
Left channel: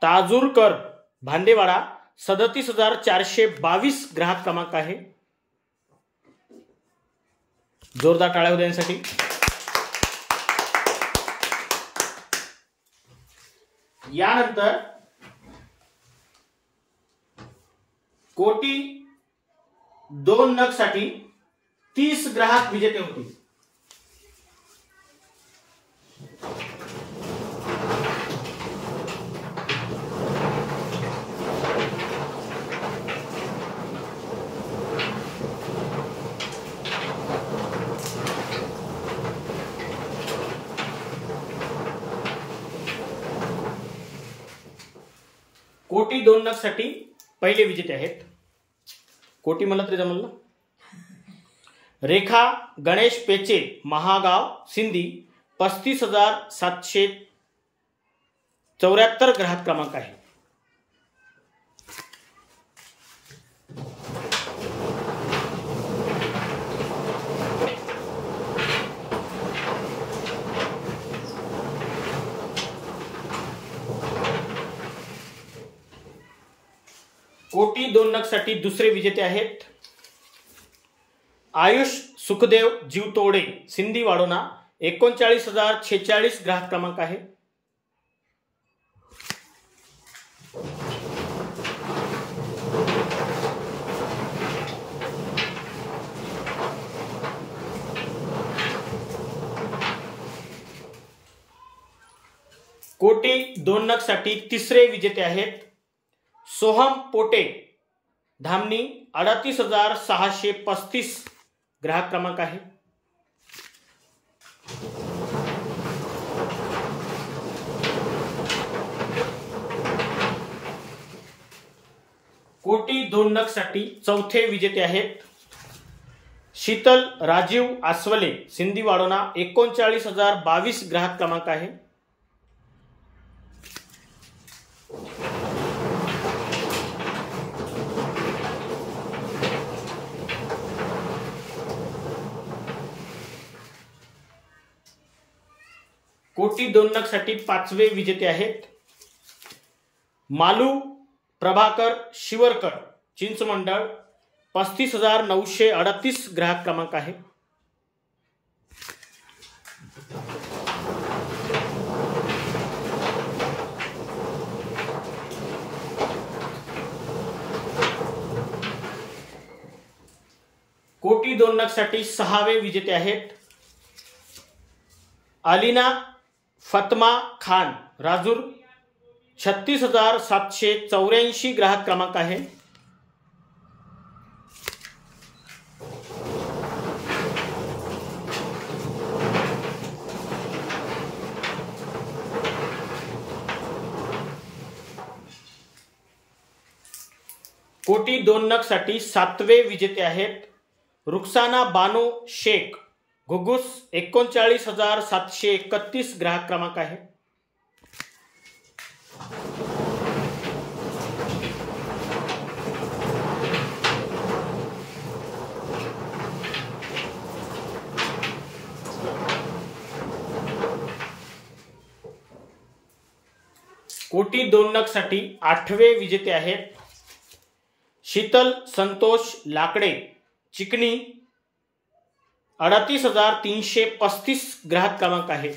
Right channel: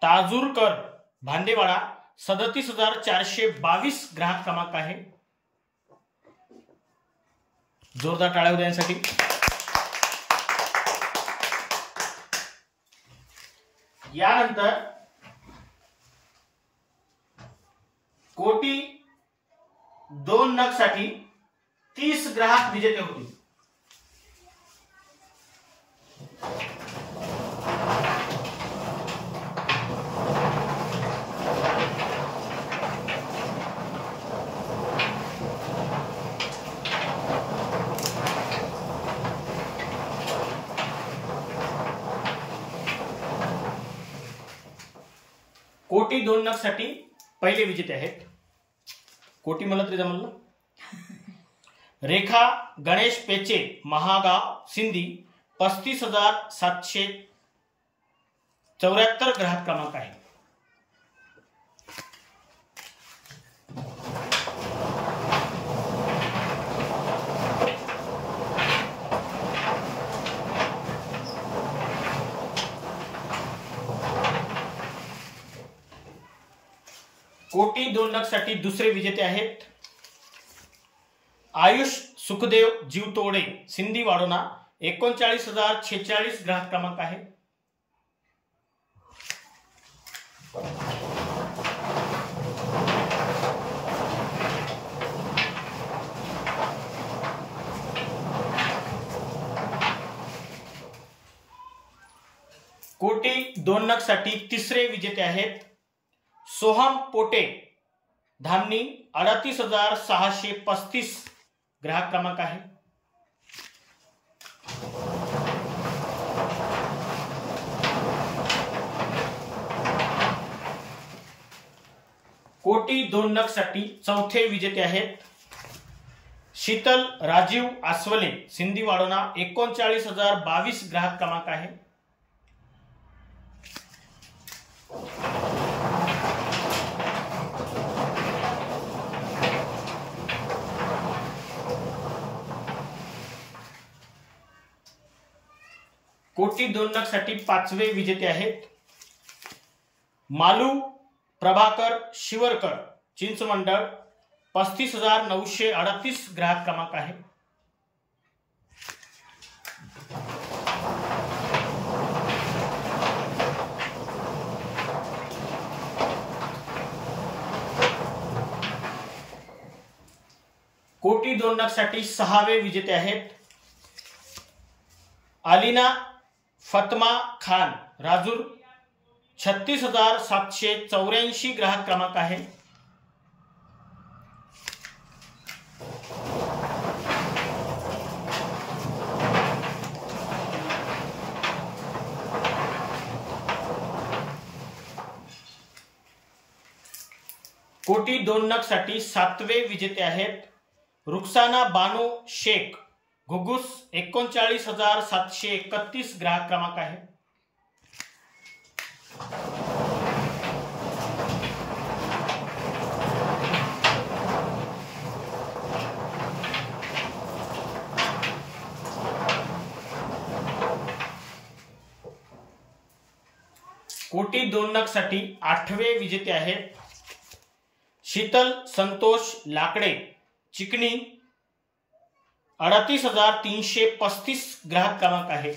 ताजूरकर भांडेवाडा 37,422 ग्राहक क्रमांक आहे. जोरदार टाळ्या होऊ द्या यांसाठी. यानंतर कोटी 2 नग साठी 30 ग्राहक विजेते होतील. कोटी 2 नग साठी पहिले विजेते आहेत कोटी म्हणलं तरी जमलं ना. रेखा गणेश पेचे महागाव सिंधी 35,774 ग्राहक क्रमांक आहे. कोटी 2 नग साठी दुसरे विजेते आहेत आयुष सुखदेव जीवतोडे सिंधी वाडोना 39,046 ग्राहक क्रमांक आहे. कोटी 2 नग साठी तिसरे विजेते आहेत सोहम पोटे धामणी 38,635 ग्राहक क्रमांक आहे. कोटी 2 नग साठी चौथे विजेते आहेत शीतल राजीव आसवले सिंधी वाडोना 39,022 ग्राहक क्रमांक आहे. कोटी 2 नग साठी पाचवे विजेते आहेत मालू प्रभाकर शिवरकर चिंचमंडळ 35,938 ग्राहक क्रमांक आहे. कोटी 2 नग साठी सहावे विजेते आहेत अलीना फतमा खान राजूर 36,784 ग्राहक क्रमांक आहे. कोटी 2 नग साठी सातवे विजेते आहेत रुखसाना बानो शेख घुगुस 39,731 ग्राहक क्रमांक आहे. कोटी 2 नग साठी 8वे विजेते आहेत शीतल संतोष लाकडे, चिकनी, 38,335 ग्राहक क्रमांक आहे।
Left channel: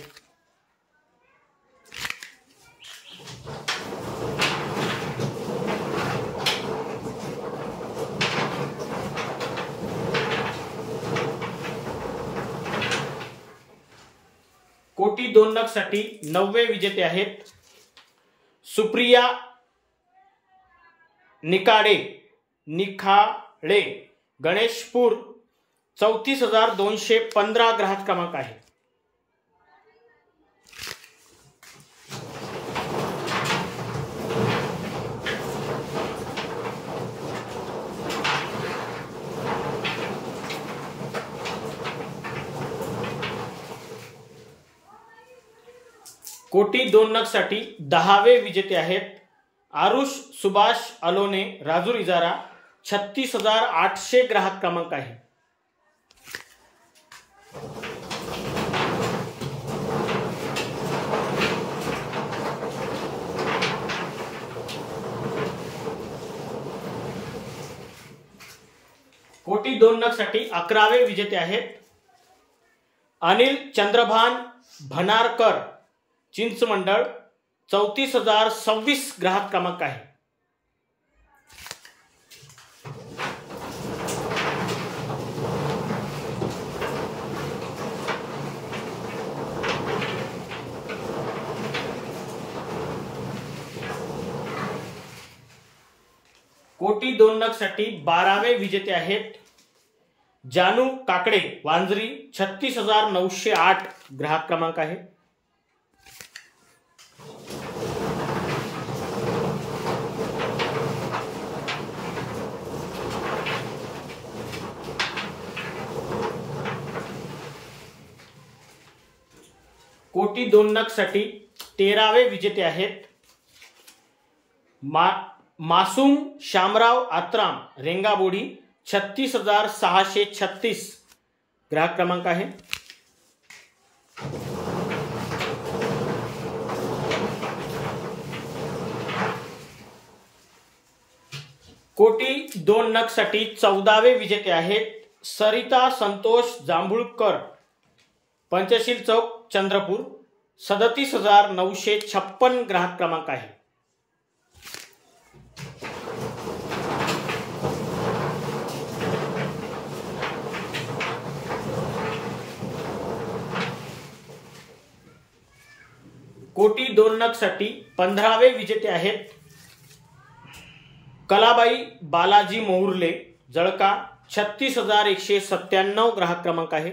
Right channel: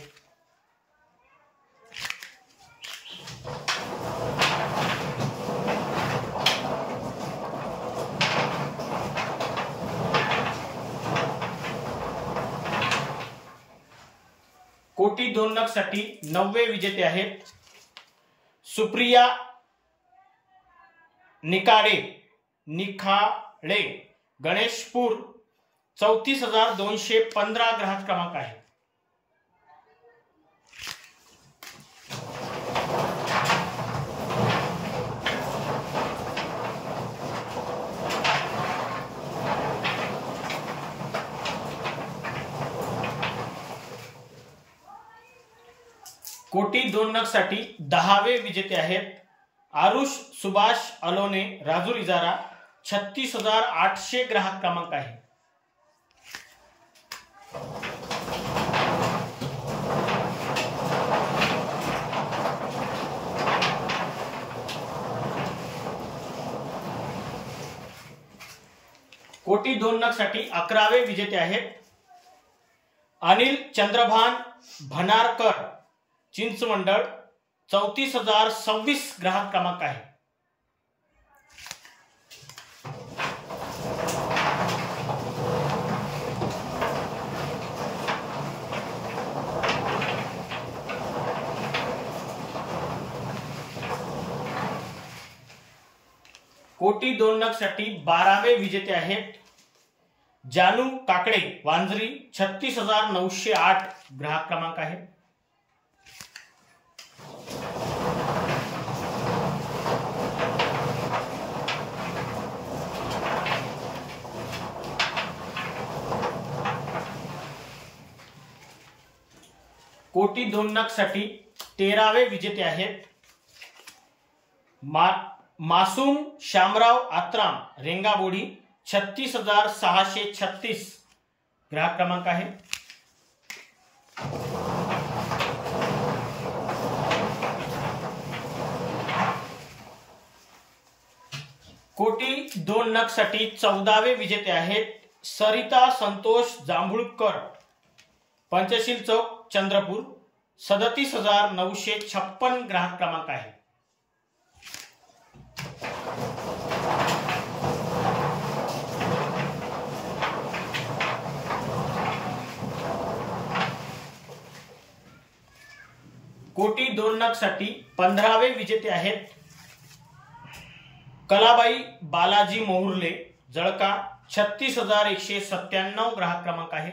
कोटी 2 नग साठी 9वे विजेते आहेत सुप्रिया निखाडे, गणेशपूर, 34,215 ग्राहक क्रमांक आहे। कोटी 2 नग साठी 10वे विजेते आहेत आरुष सुभाष अलोने, राजूर इजारा, 36,800 ग्राहक क्रमांक आहे। कोटी 2 नग साठी 11वे विजेते आहेत अनिल चंद्रभान भनारकर, चिंचमंडळ, 34,026 ग्राहक क्रमांक आहे। कोटी 2 नग साठी 12वे विजेते आहेत जानू काकडे, वांजरी, 36,908 ग्राहक क्रमांक आहे। कोटी 2 नग साठी 13वे विजेते आहेत मासूम शामराव आत्राम, रेंगाबोडी, 36,636 ग्राहक क्रमांक आहे। कोटी 2 नग साठी 14वे विजेते आहेत सरिता संतोष जांभूळकर, पंचशील चौक, चंद्रपूर, 37,956 ग्राहक क्रमांक आहे। कोटी 2 नग साठी 15वे विजेते आहेत कलाबाई बालाजी मोहुर्ले, जळका, 36,197 ग्राहक क्रमांक आहे।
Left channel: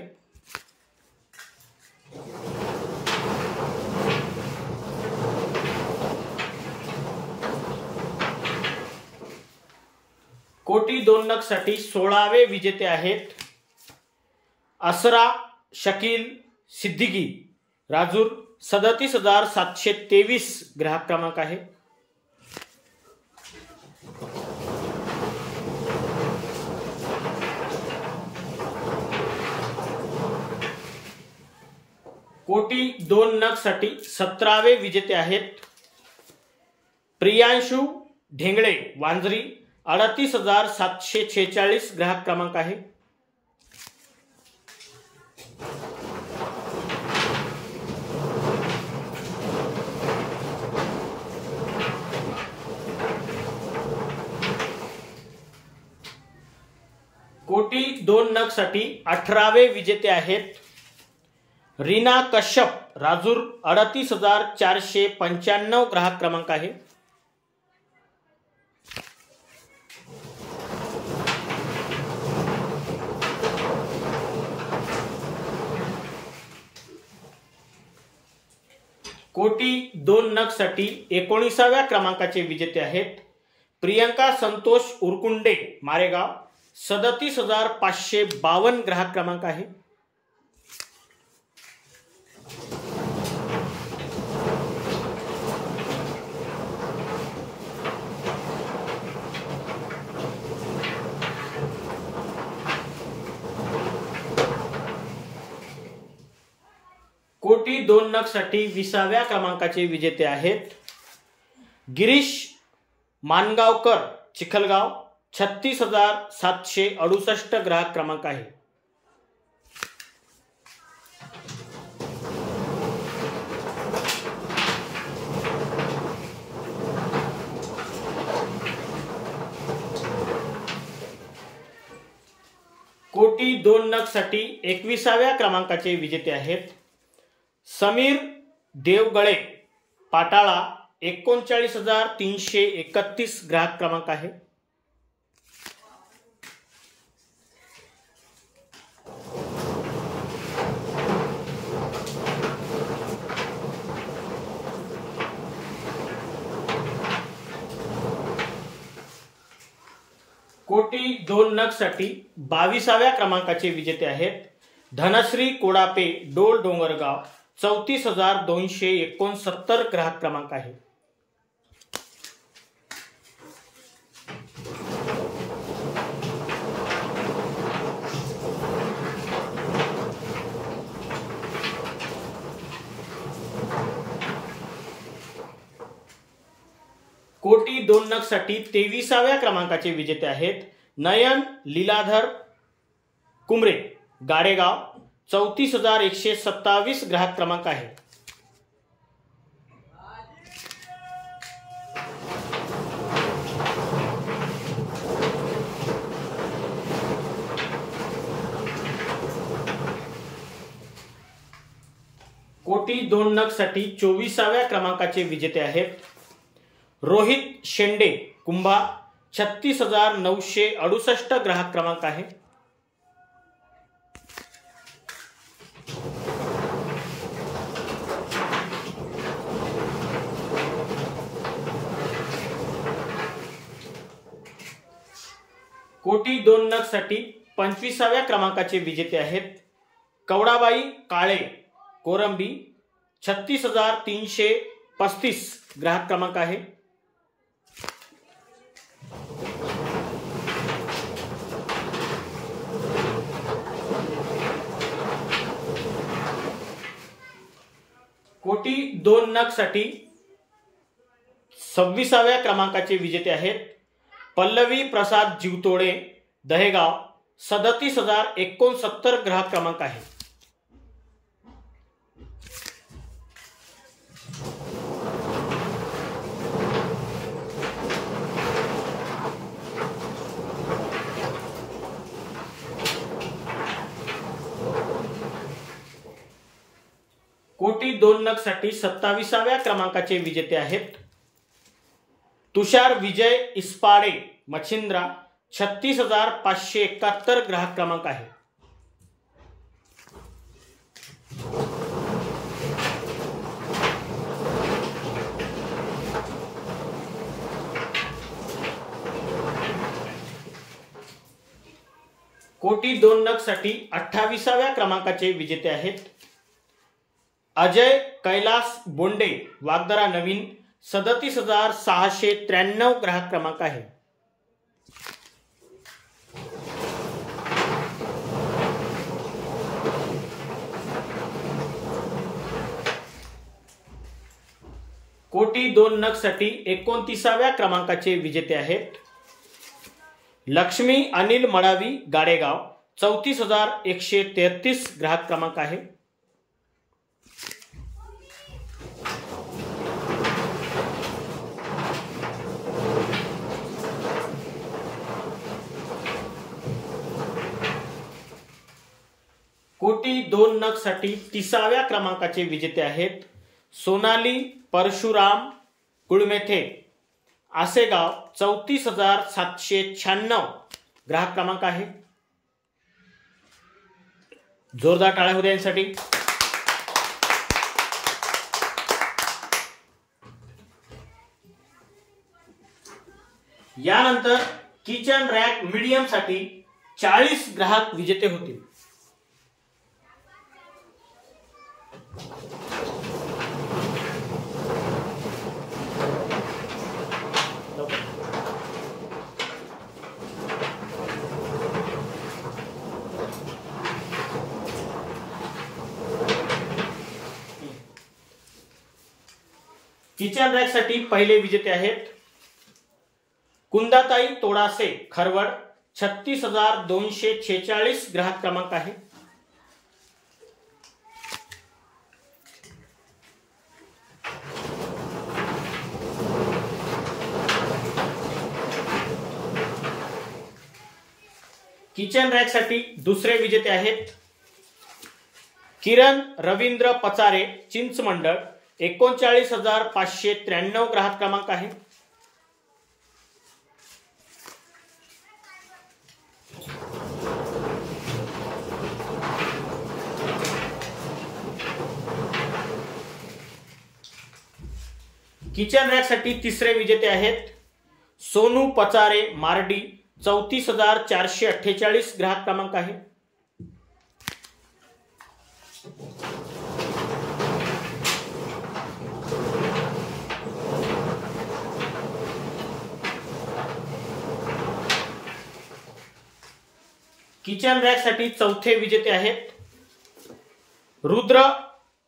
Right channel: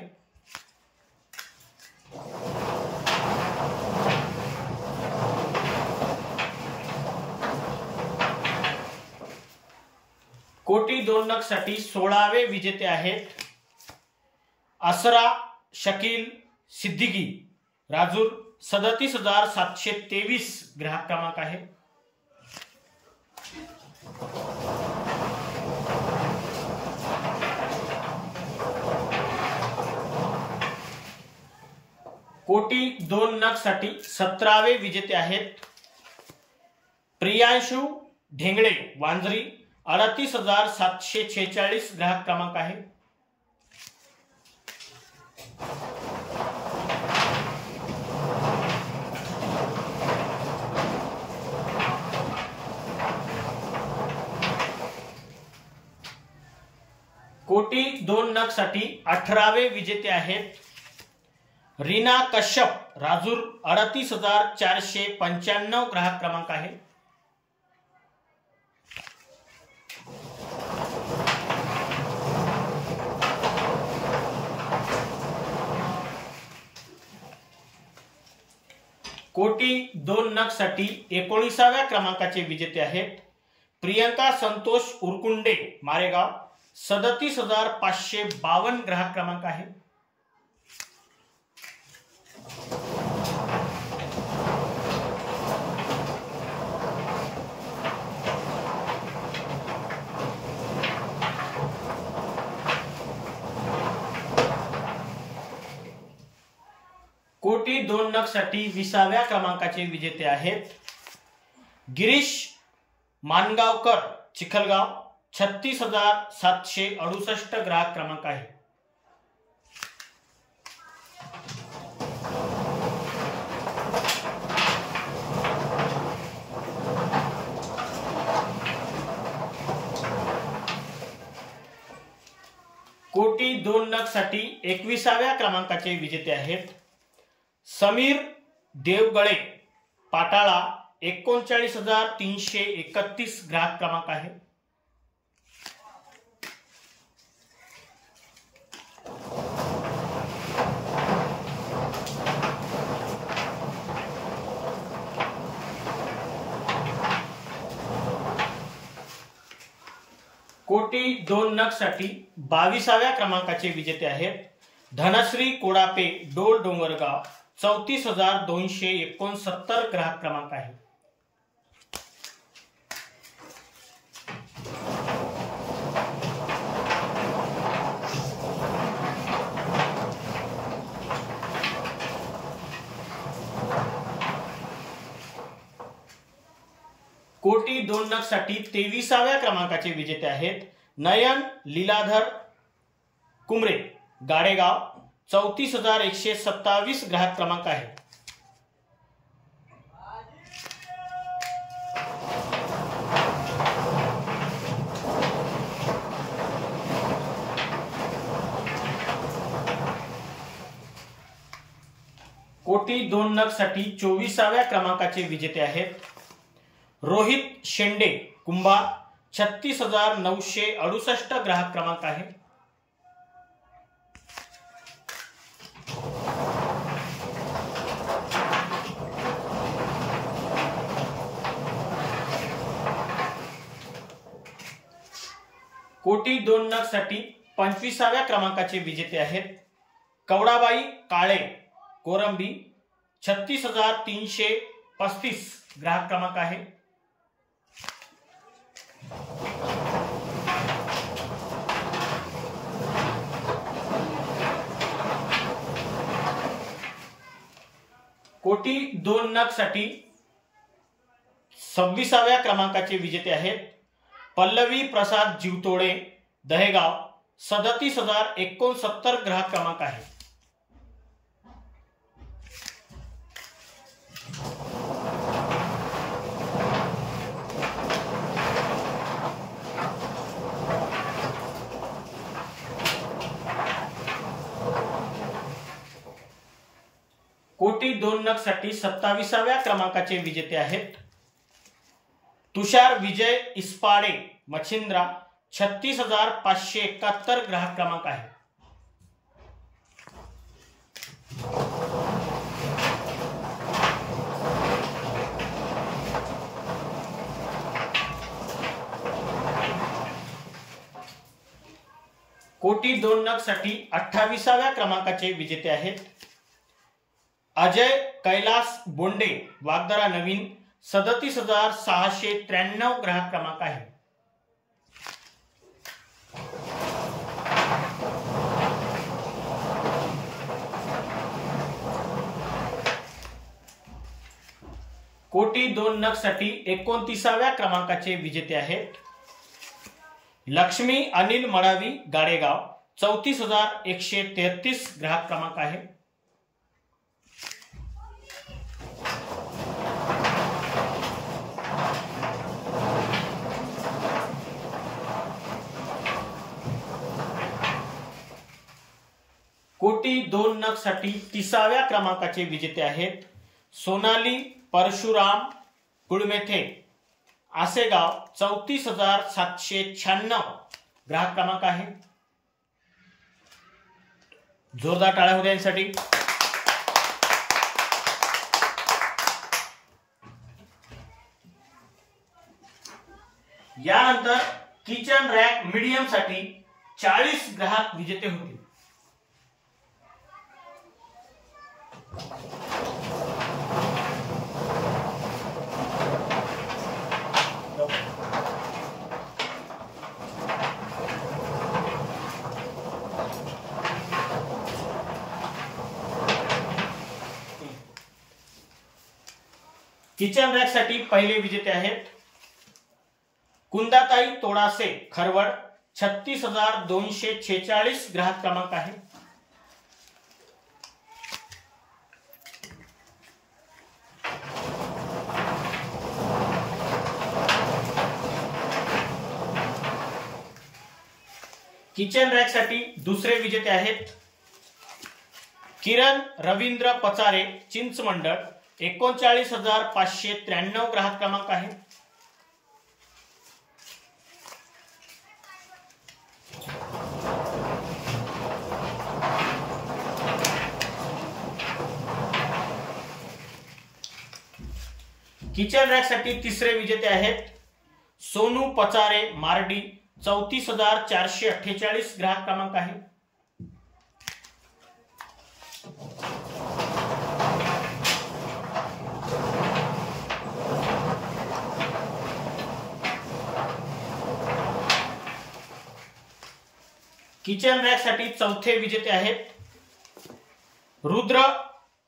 कोटी 2 नग साठी 16वे विजेते आहेत असरा शकील सिद्दीकी, राजूर, 37,723 ग्राहक क्रमांक आहे। कोटी 2 नग साठी 17वे विजेते आहेत प्रियांशु ढेंगळे, वांजरी, 38,746 ग्राहक क्रमांक आहे। कोटी 2 नग साठी 18वे विजेते आहेत रीना कश्यप, राजूर, 38,495 ग्राहक क्रमांक आहे। कोटी 2 नग साठी 19व्या क्रमांकाचे विजेते आहेत प्रियंका संतोष उरकुंडे, मारेगाव, 37,552 ग्राहक क्रमांक आहे। कोटी 2 नग साठी 20व्या क्रमांकाचे विजेते आहेत गिरीश मानगावकर चिखलगाव 36,768 ग्राहक क्रमांक आहे. कोटी 2 नग साठी 21व्या क्रमांकाचे विजेते आहेत समीर देवगळे पाटाळा 39,331 ग्राहक क्रमांक आहे. कोटी 2 नग साठी 22व्या क्रमांकाचे विजेते आहेत धनश्री कोडापे डोल डोंगरगाव 34,269 ग्राहक क्रमांक आहे. कोटी 2 नग साठी 23व्या क्रमांकाचे विजेते आहेत नयन लीलाधर कुमरे गाडेगाव 34,127 ग्राहक क्रमांक आहे. कोटी 2 नग साठी 24व्या क्रमांकाचे विजेते आहेत रोहित शेंडे कुंभा 36,968 ग्राहक क्रमांक आहे. कोटी 2 नग साठी 25व्या क्रमांकाचे विजेते आहेत कवडाबाई काळे कोरंबी 36,335 ग्राहक क्रमांक आहे. कोटी 2 नग साठी 26व्या क्रमांकाचे विजेते आहेत पल्लवी प्रसाद जीवतोडे दहेगाव 37,069 ग्राहक क्रमांक आहे. कोटी 2 नग साठी 27व्या क्रमांकाचे विजेते आहेत तुषार विजय इस्पाडे मच्छिंद्रा 36,571 ग्राहक क्रमांक आहे. कोटी 2 नग साठी 28व्या क्रमांकाचे विजेते आहेत अजय कैलास बोंडे वागदरा नवीन 37,693 ग्राहक क्रमांक आहे. कोटी 2 नग साठी 29व्या क्रमांकाचे विजेते आहेत लक्ष्मी अनिल मळावी गाडेगाव 34,133 ग्राहक क्रमांक आहे. कोटी 2 नग साठी 30व्या क्रमांकाचे विजेते आहेत सोनाली परशुराम कुळमेथे आसेगाव 34,796 ग्राहक क्रमांक आहे. जोरदार टाळ्या होत्या यांसाठी. यानंतर किचन रॅक मीडियम साठी 40 ग्राहक विजेते होतील. किचन रॅक साठी पहिले विजेते आहेत कुंदाताई तोडासे खरवड, 36,246 ग्राहक क्रमांक आहे। किचन रॅक साठी दुसरे विजेते आहेत किरण रवींद्र पचारे चिंचमंडळ, 39,593 ग्राहक क्रमांक आहे। किचन रॅक साठी तिसरे विजेते आहेत सोनू पचारे मार्डी, 34,448 ग्राहक क्रमांक आहे। किचन रॅक साठी चौथे विजेते आहेत रुद्र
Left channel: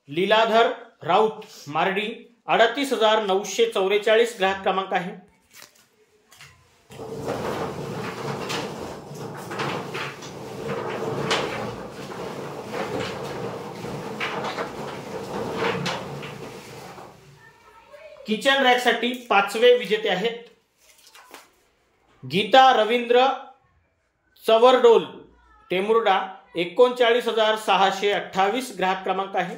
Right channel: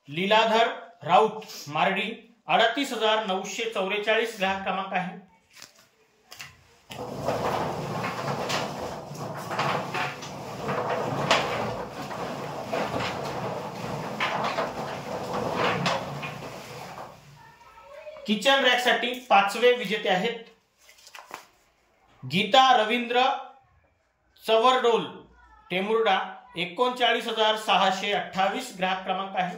लीलाधर राऊत मार्डी, 38,944 ग्राहक क्रमांक आहे। किचन रॅक साठी पाचवे विजेते आहेत गीता रवींद्र चवरडोल टेमुर्डा, 39,628 ग्राहक क्रमांक आहे।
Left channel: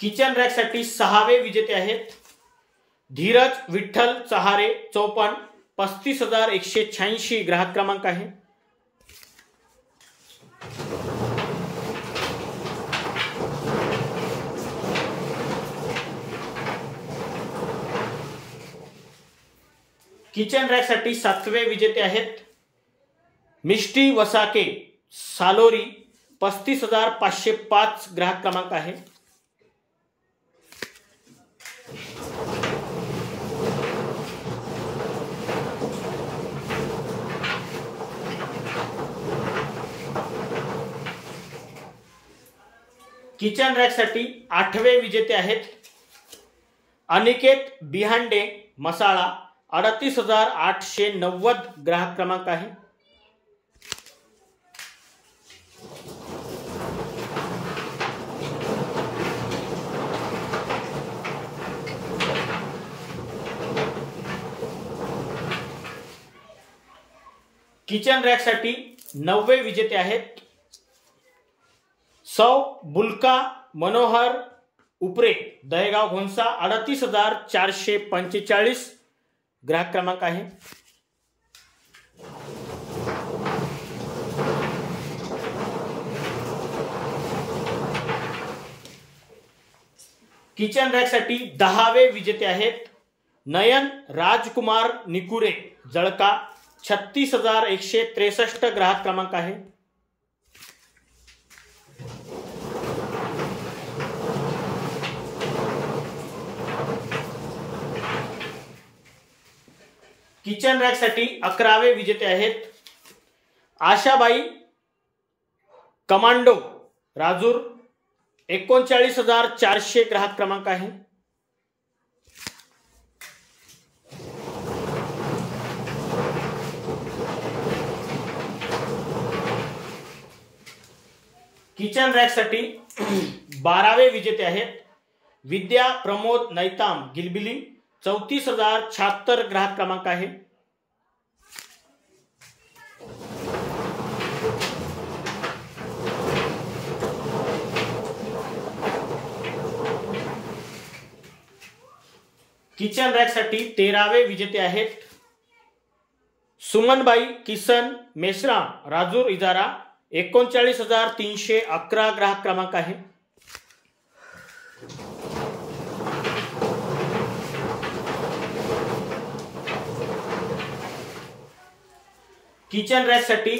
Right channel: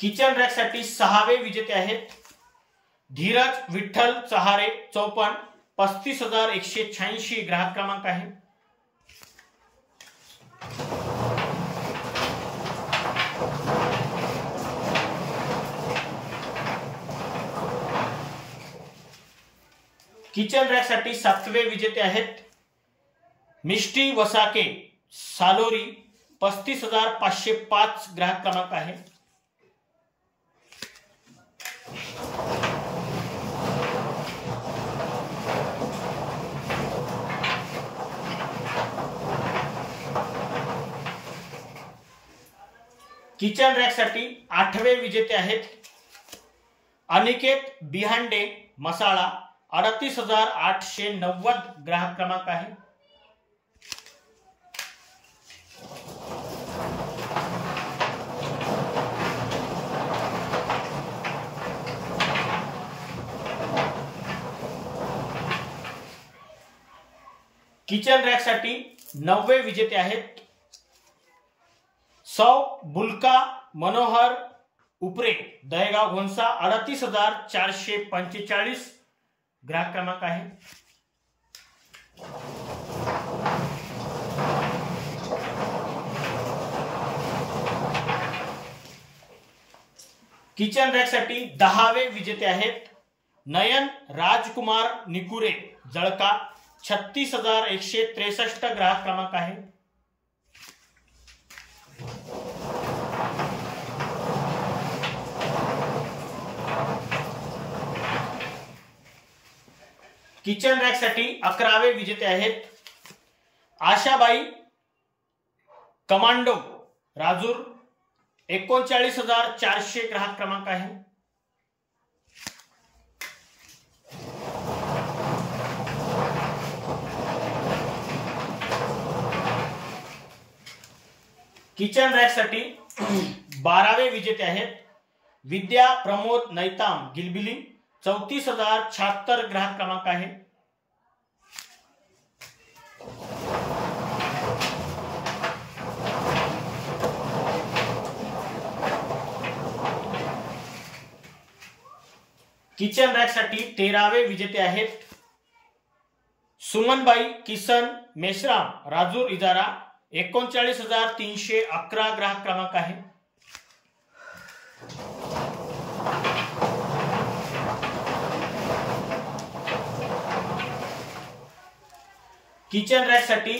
किचन रॅक साठी सहावे विजेते आहेत धीरज विठ्ठल चहारे 54, 35,186 ग्राहक क्रमांक आहे। किचन रॅक साठी सातवे विजेते आहेत मिष्टी वसाके सालोरी, 35,505 ग्राहक क्रमांक आहे। किचन रॅक साठी आठवे विजेते आहेत अनिकेत बिहांडे मसाळा, 38,890 ग्राहक क्रमांक आहे। किचन रॅक साठी नववे विजेते आहेत सौ बुलका मनोहर उपरे दहेगाव घोणसा, 38,445 ग्राहक क्रमांक आहे। किचन रॅक साठी 10वे विजेते आहेत नयन राजकुमार निकुरे जळका, 36,163 ग्राहक क्रमांक आहे। किचन रॅक साठी 11वे विजेते आहेत आशाबाई कमांडो राजूर, 39,400 ग्राहक क्रमांक आहे। किचन रॅक साठी 12वे विजेते आहेत विद्या प्रमोद नैताम गिलबिली, 34,076 ग्राहक क्रमांक आहे। किचन रॅक साठी 13वे विजेते आहेत सुमनबाई किसन मेश्राम राजूर इजारा, 39,311 ग्राहक क्रमांक आहे। किचन रॅक साठी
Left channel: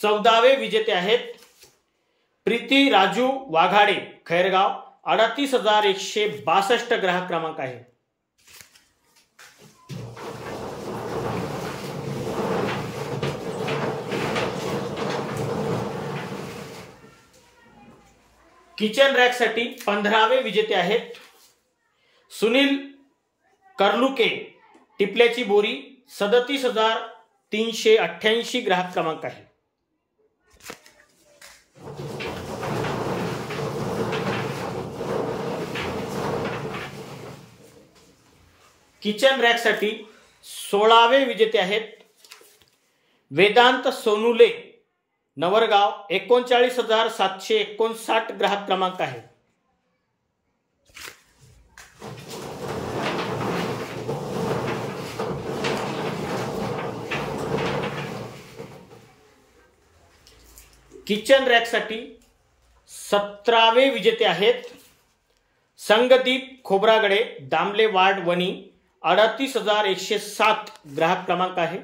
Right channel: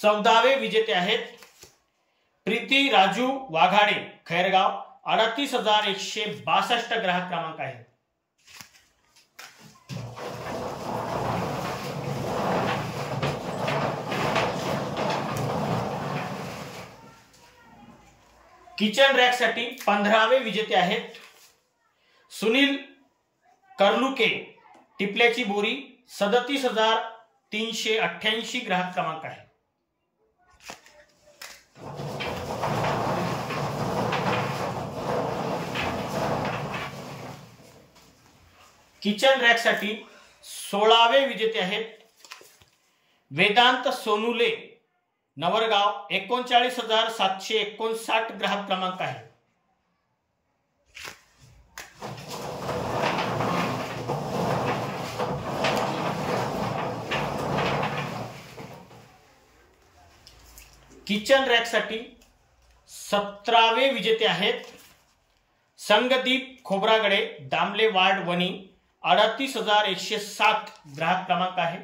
14वे विजेते आहेत प्रीती राजू वाघाडे खैरगाव, 38,162 ग्राहक क्रमांक आहे। किचन रॅकसाठी 15वे विजेते आहेत सुनील कर्लुके, टिपल्याची बोरी, 37,388 ग्राहक क्रमांक आहे. किचन रॅकसाठी 16वे विजेते आहेत वेदांत सोनुले, नवरगाव, 39,759 ग्राहक क्रमांक आहे. किचन रॅकसाठी 17वे विजेते आहेत संगदीप खोब्रागडे, दामले वार्ड, वणी, 38,107 ग्राहक क्रमांक आहे.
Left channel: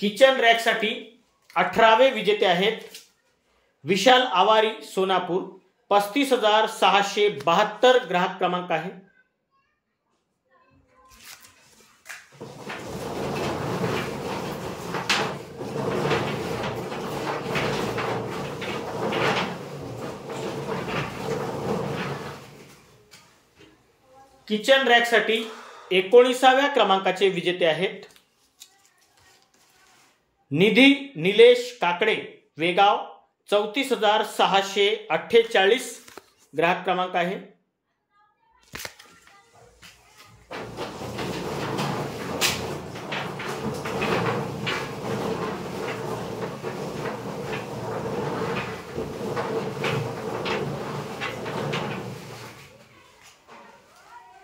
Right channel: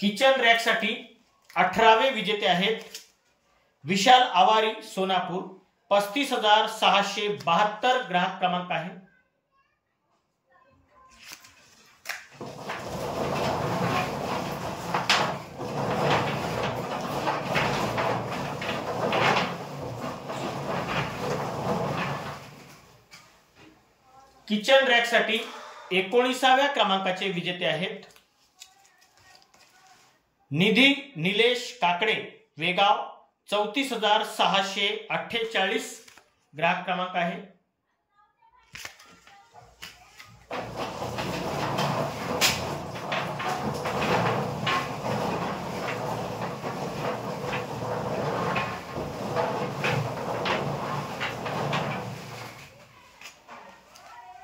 किचन रॅकसाठी 18वे विजेते आहेत विशाल आवारी, सोनापूर, 35,672 ग्राहक क्रमांक आहे. किचन रॅकसाठी 19व्या क्रमांकाचे विजेते आहेत निधी निलेश काकडे, वेगाव, 34,648 ग्राहक क्रमांक आहे.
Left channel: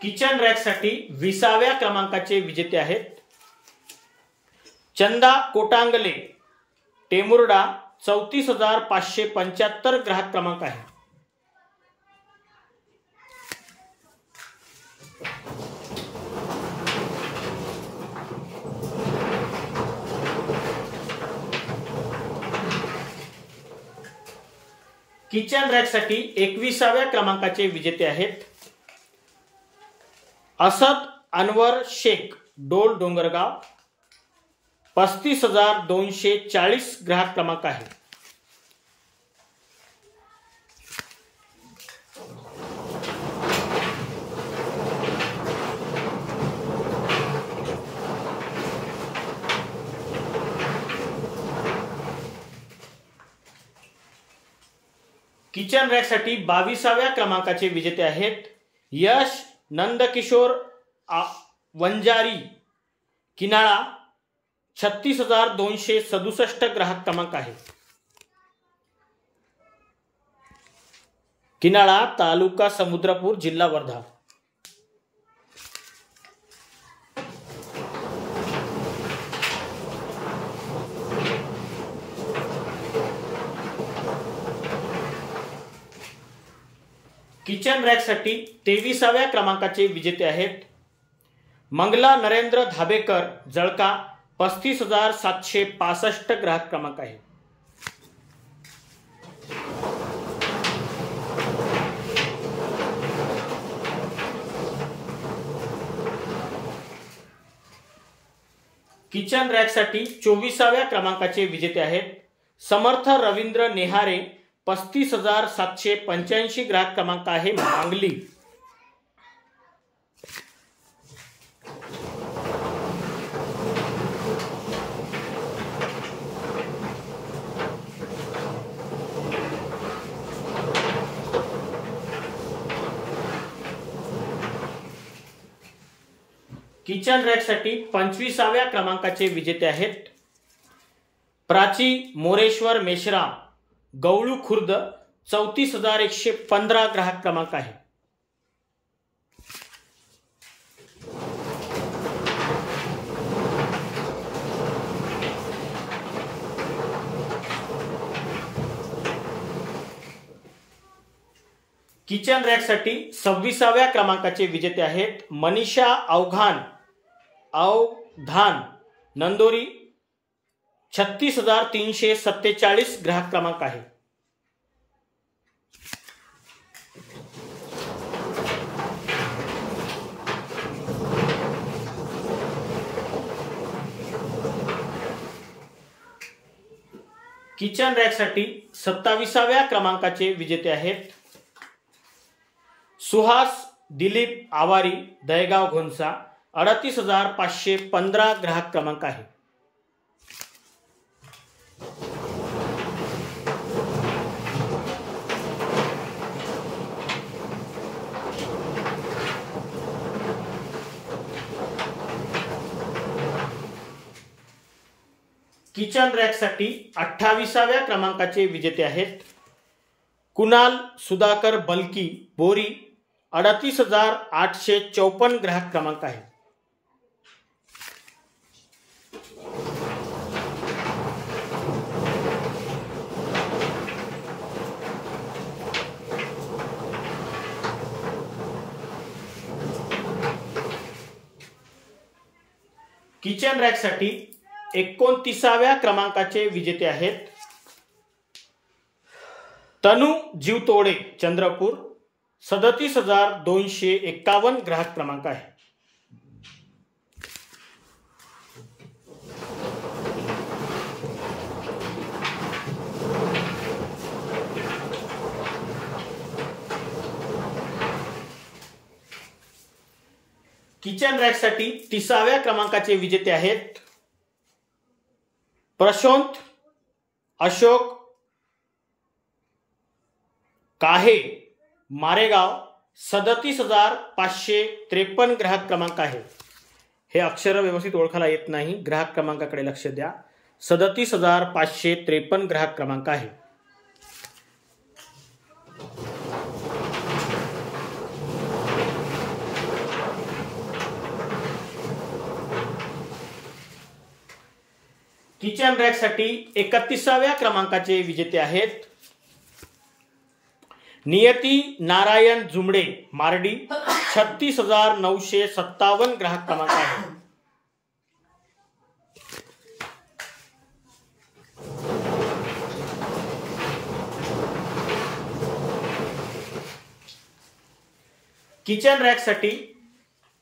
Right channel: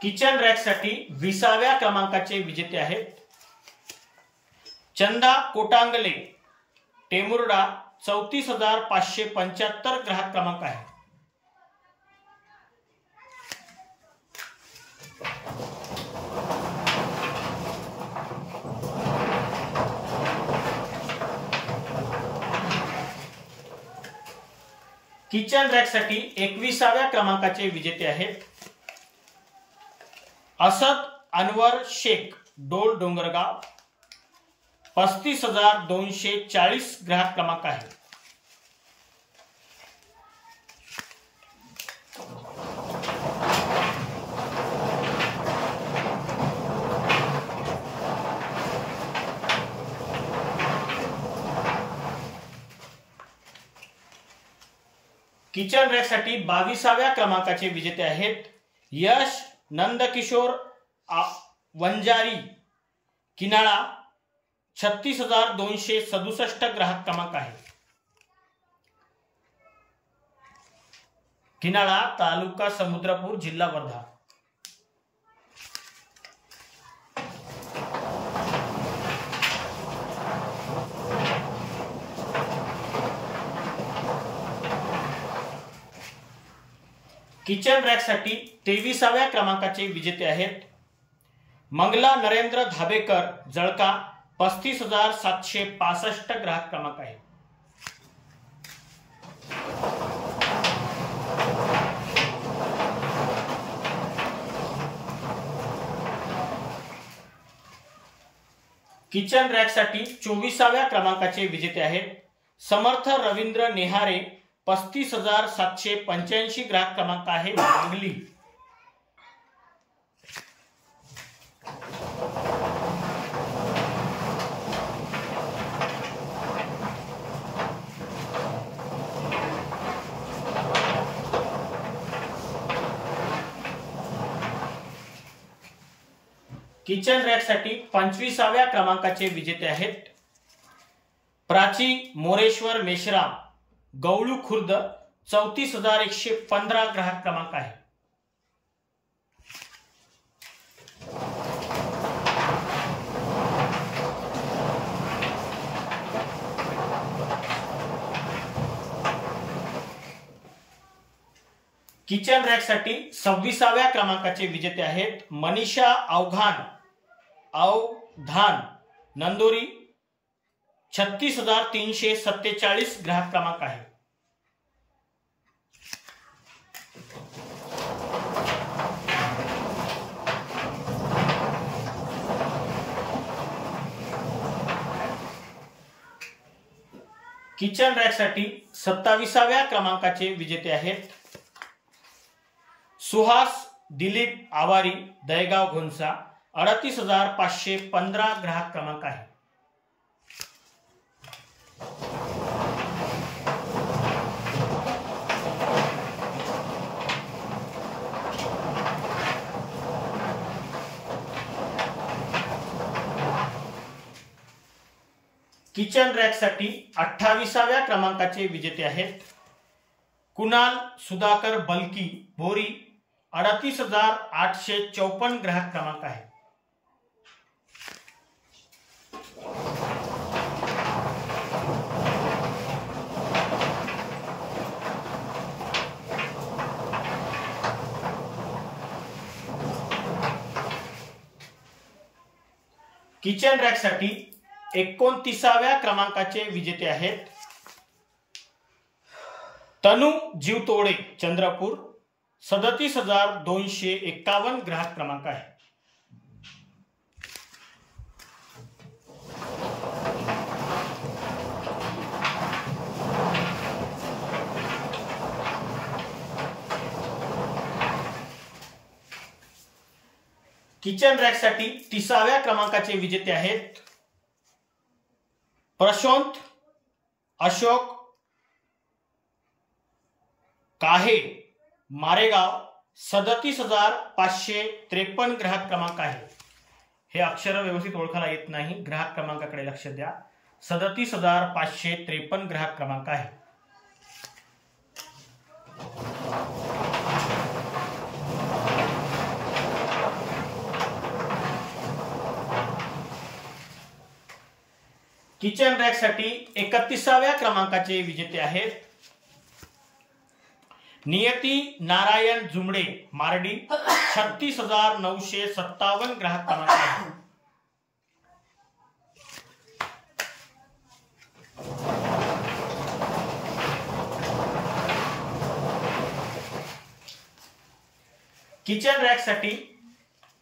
किचन रॅकसाठी 20व्या क्रमांकाचे विजेते आहेत चंदा कोटांगले, टेमुर्डा, 34,575 ग्राहक क्रमांक आहे. किचन रॅकसाठी 21व्या क्रमांकाचे विजेते आहेत असद अनवर शेख, डोल, डोंगरगाव, 35,240 ग्राहक क्रमांक आहे. किचन रॅकसाठी 22व्या क्रमांकाचे विजेते आहेत यश नंदकिशोर वंजारी, किनाळा, 36,267 ग्राहक क्रमांक आहे. किनाळा, तालुका समुद्रपूर, जिल्हा वर्धा. किचन रॅकसाठी 23व्या क्रमांकाचे विजेते आहेत मंगला नरेंद्र धाबेकर, जळका, 35,765 ग्राहक क्रमांक आहे. किचन रॅकसाठी 24व्या क्रमांकाचे विजेते आहेत समर्थ रवींद्र नेहारे, 35,785 ग्राहक क्रमांक आहे, सांगली. किचन रॅकसाठी 25व्या क्रमांकाचे विजेते आहेत प्राची मोरेश्वर मेश्राम, गवळू खुर्द, 34,115 ग्राहक क्रमांक आहे. किचन रॅकसाठी 26व्या क्रमांकाचे विजेते आहेत मनीषा अवधान, नंदोरी, 36,347 ग्राहक क्रमांक आहे. किचन रॅकसाठी 27व्या क्रमांकाचे विजेते आहेत सुहास दिलीप आवारी, दहेगाव घोणसा. 38,515 ग्राहक क्रमांक आहे. किचन रॅकसाठी 28व्या क्रमांकाचे विजेते आहेत कुणाल सुधाकर बलकी, बोरी. 38,854 ग्राहक क्रमांक आहे. किचन रॅकसाठी 29व्या क्रमांकाचे विजेते आहेत तनू जीवतोडे, चंद्रपूर. 37,251 ग्राहक क्रमांक आहे. किचन रॅकसाठी 30व्या क्रमांकाचे विजेते आहेत प्रशांत अशोक काहे, मारेगाव. 37,553 ग्राहक क्रमांक आहे. हे अक्षर व्यवस्थित ओळखायला येत नाही, ग्राहक क्रमांकाकडे लक्ष द्या. 37,553 ग्राहक क्रमांक आहे. किचन रॅकसाठी 31व्या क्रमांकाचे विजेते आहेत नियती नारायण जुमडे, मारडी. 36,957 ग्राहक क्रमांक आहे. किचन रॅकसाठी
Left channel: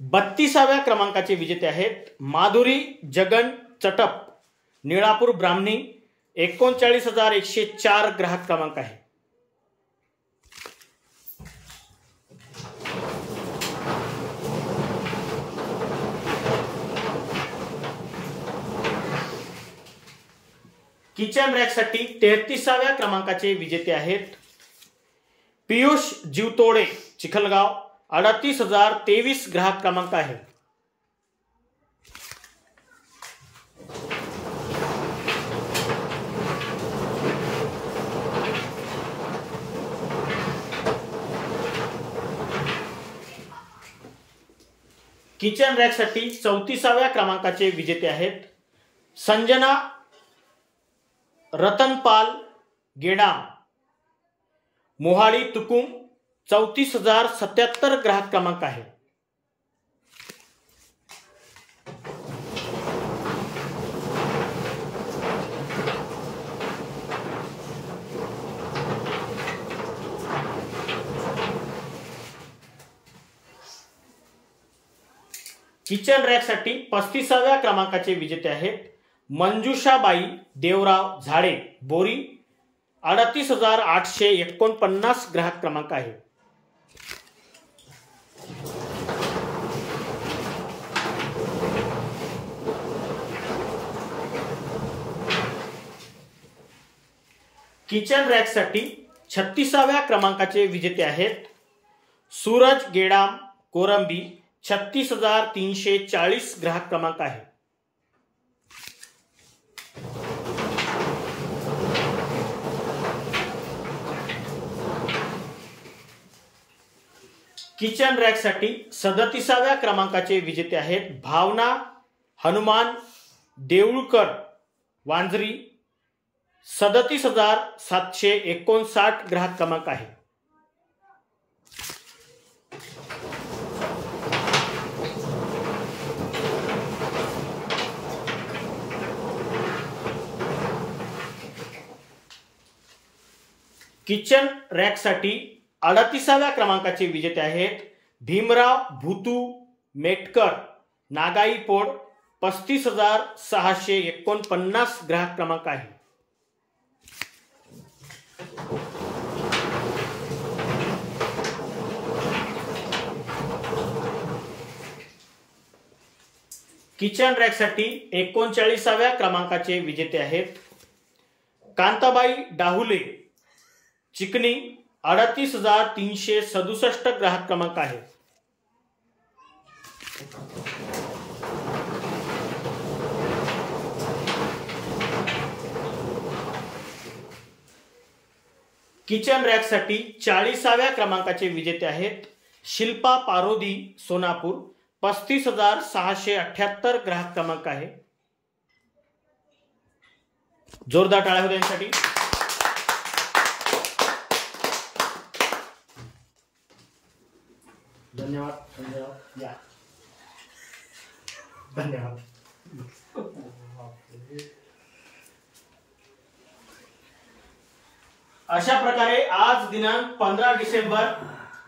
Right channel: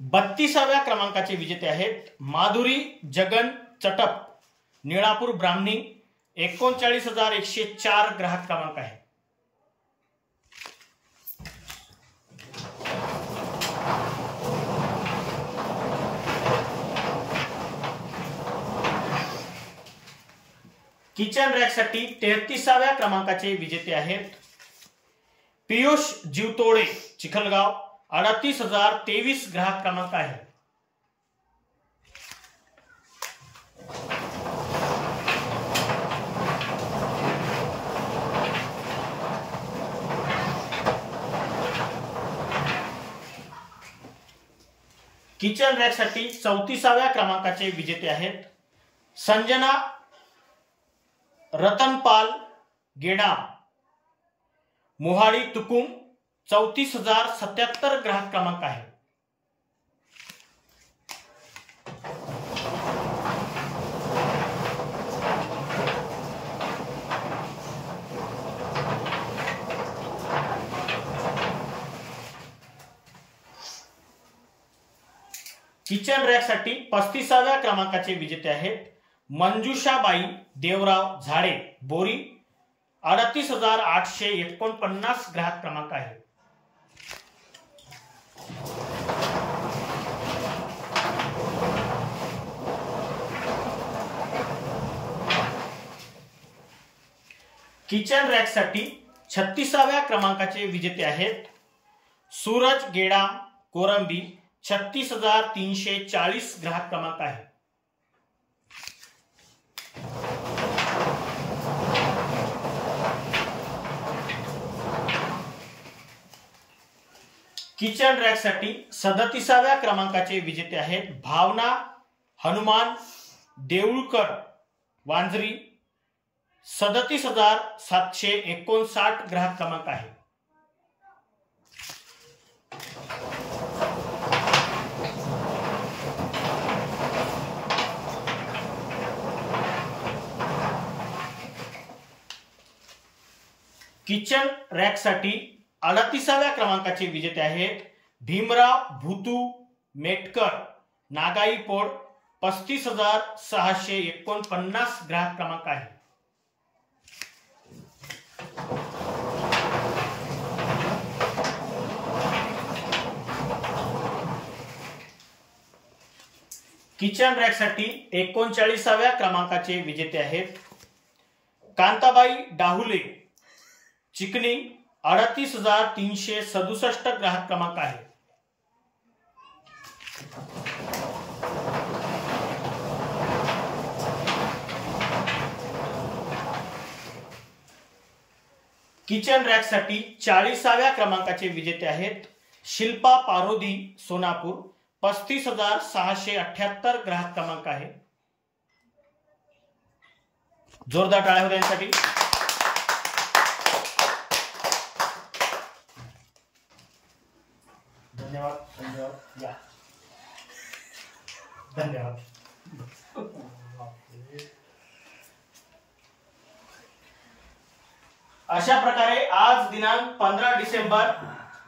32व्या क्रमांकाचे विजेते आहेत माधुरी जगन चटप, निळापूर ब्राह्मणी. 39,104 ग्राहक क्रमांक आहे. किचन रॅकसाठी 33व्या क्रमांकाचे विजेते आहेत पियुष जीवतोडे, चिखलगाव. 38,023 ग्राहक क्रमांक आहे. किचन रॅकसाठी 34व्या क्रमांकाचे विजेते आहेत संजना रतनपाल गेडाम, मोहाळी तुकुम. 34,077 ग्राहक क्रमांक आहे. किचन रॅकसाठी 35व्या क्रमांकाचे विजेते आहेत मंजुषाबाई देवराव झाडे, बोरी. 38,849 ग्राहक क्रमांक आहे. किचन रॅकसाठी 36व्या क्रमांकाचे विजेते आहेत सूरज गेडाम, कोरंबी. 36,340 ग्राहक क्रमांक आहे. किचन रॅकसाठी 37व्या क्रमांकाचे विजेते आहेत भावना हनुमान देऊळकर, वांजरी. 37,759 ग्राहक क्रमांक आहे. किचन रॅकसाठी 38व्या क्रमांकाचे विजेते आहेत भीमराव भूतू मेटकर, नागाईपोड. 35,649 ग्राहक क्रमांक आहे. किचन रॅकसाठी 39व्या क्रमांकाचे विजेते आहेत कांताबाई डाहुले, चिखली, 38,367 ग्राहक क्रमांक आहे। किचन रॅकसाठी 40व्या क्रमांकाचे विजेते आहेत शिल्पा पारोदी, सोनापूर, 35,678 ग्राहक क्रमांक आहे। जोरदार टाळ्या होत्या यांसाठी। धन्यवाद धन्यवाद या धन्यवाद। अशा प्रकारे आज दिनांक 15 डिसेंबर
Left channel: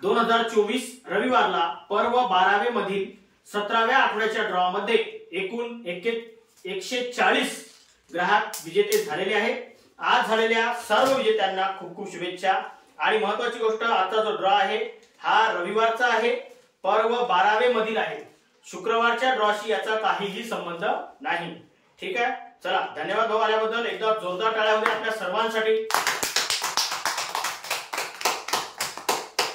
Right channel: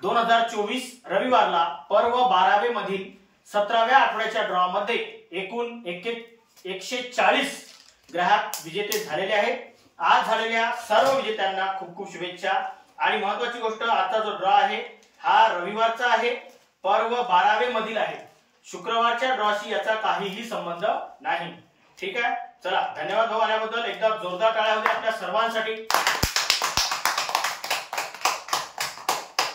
2024 रविवारला पर्व 12वे मधील 17व्या आठवड्याच्या ड्रॉ मध्ये एकूण 140 ग्राहक विजेते झालेले आहेत। आज झालेल्या सर्व विजेत्यांना खूप खूप शुभेच्छा। आणि महत्त्वाची गोष्ट, आजचा जो ड्रॉ आहे हा रविवारचा आहे, पर्व 12वे मधील आहे, शुक्रवारच्या ड्रॉशी याचा काहीही संबंध नाही। ठीक आहे, चला धन्यवाद भाऊ आल्याबद्दल। एकदा जोरदार टाळ्या होत्या आपल्या सर्वांसाठी।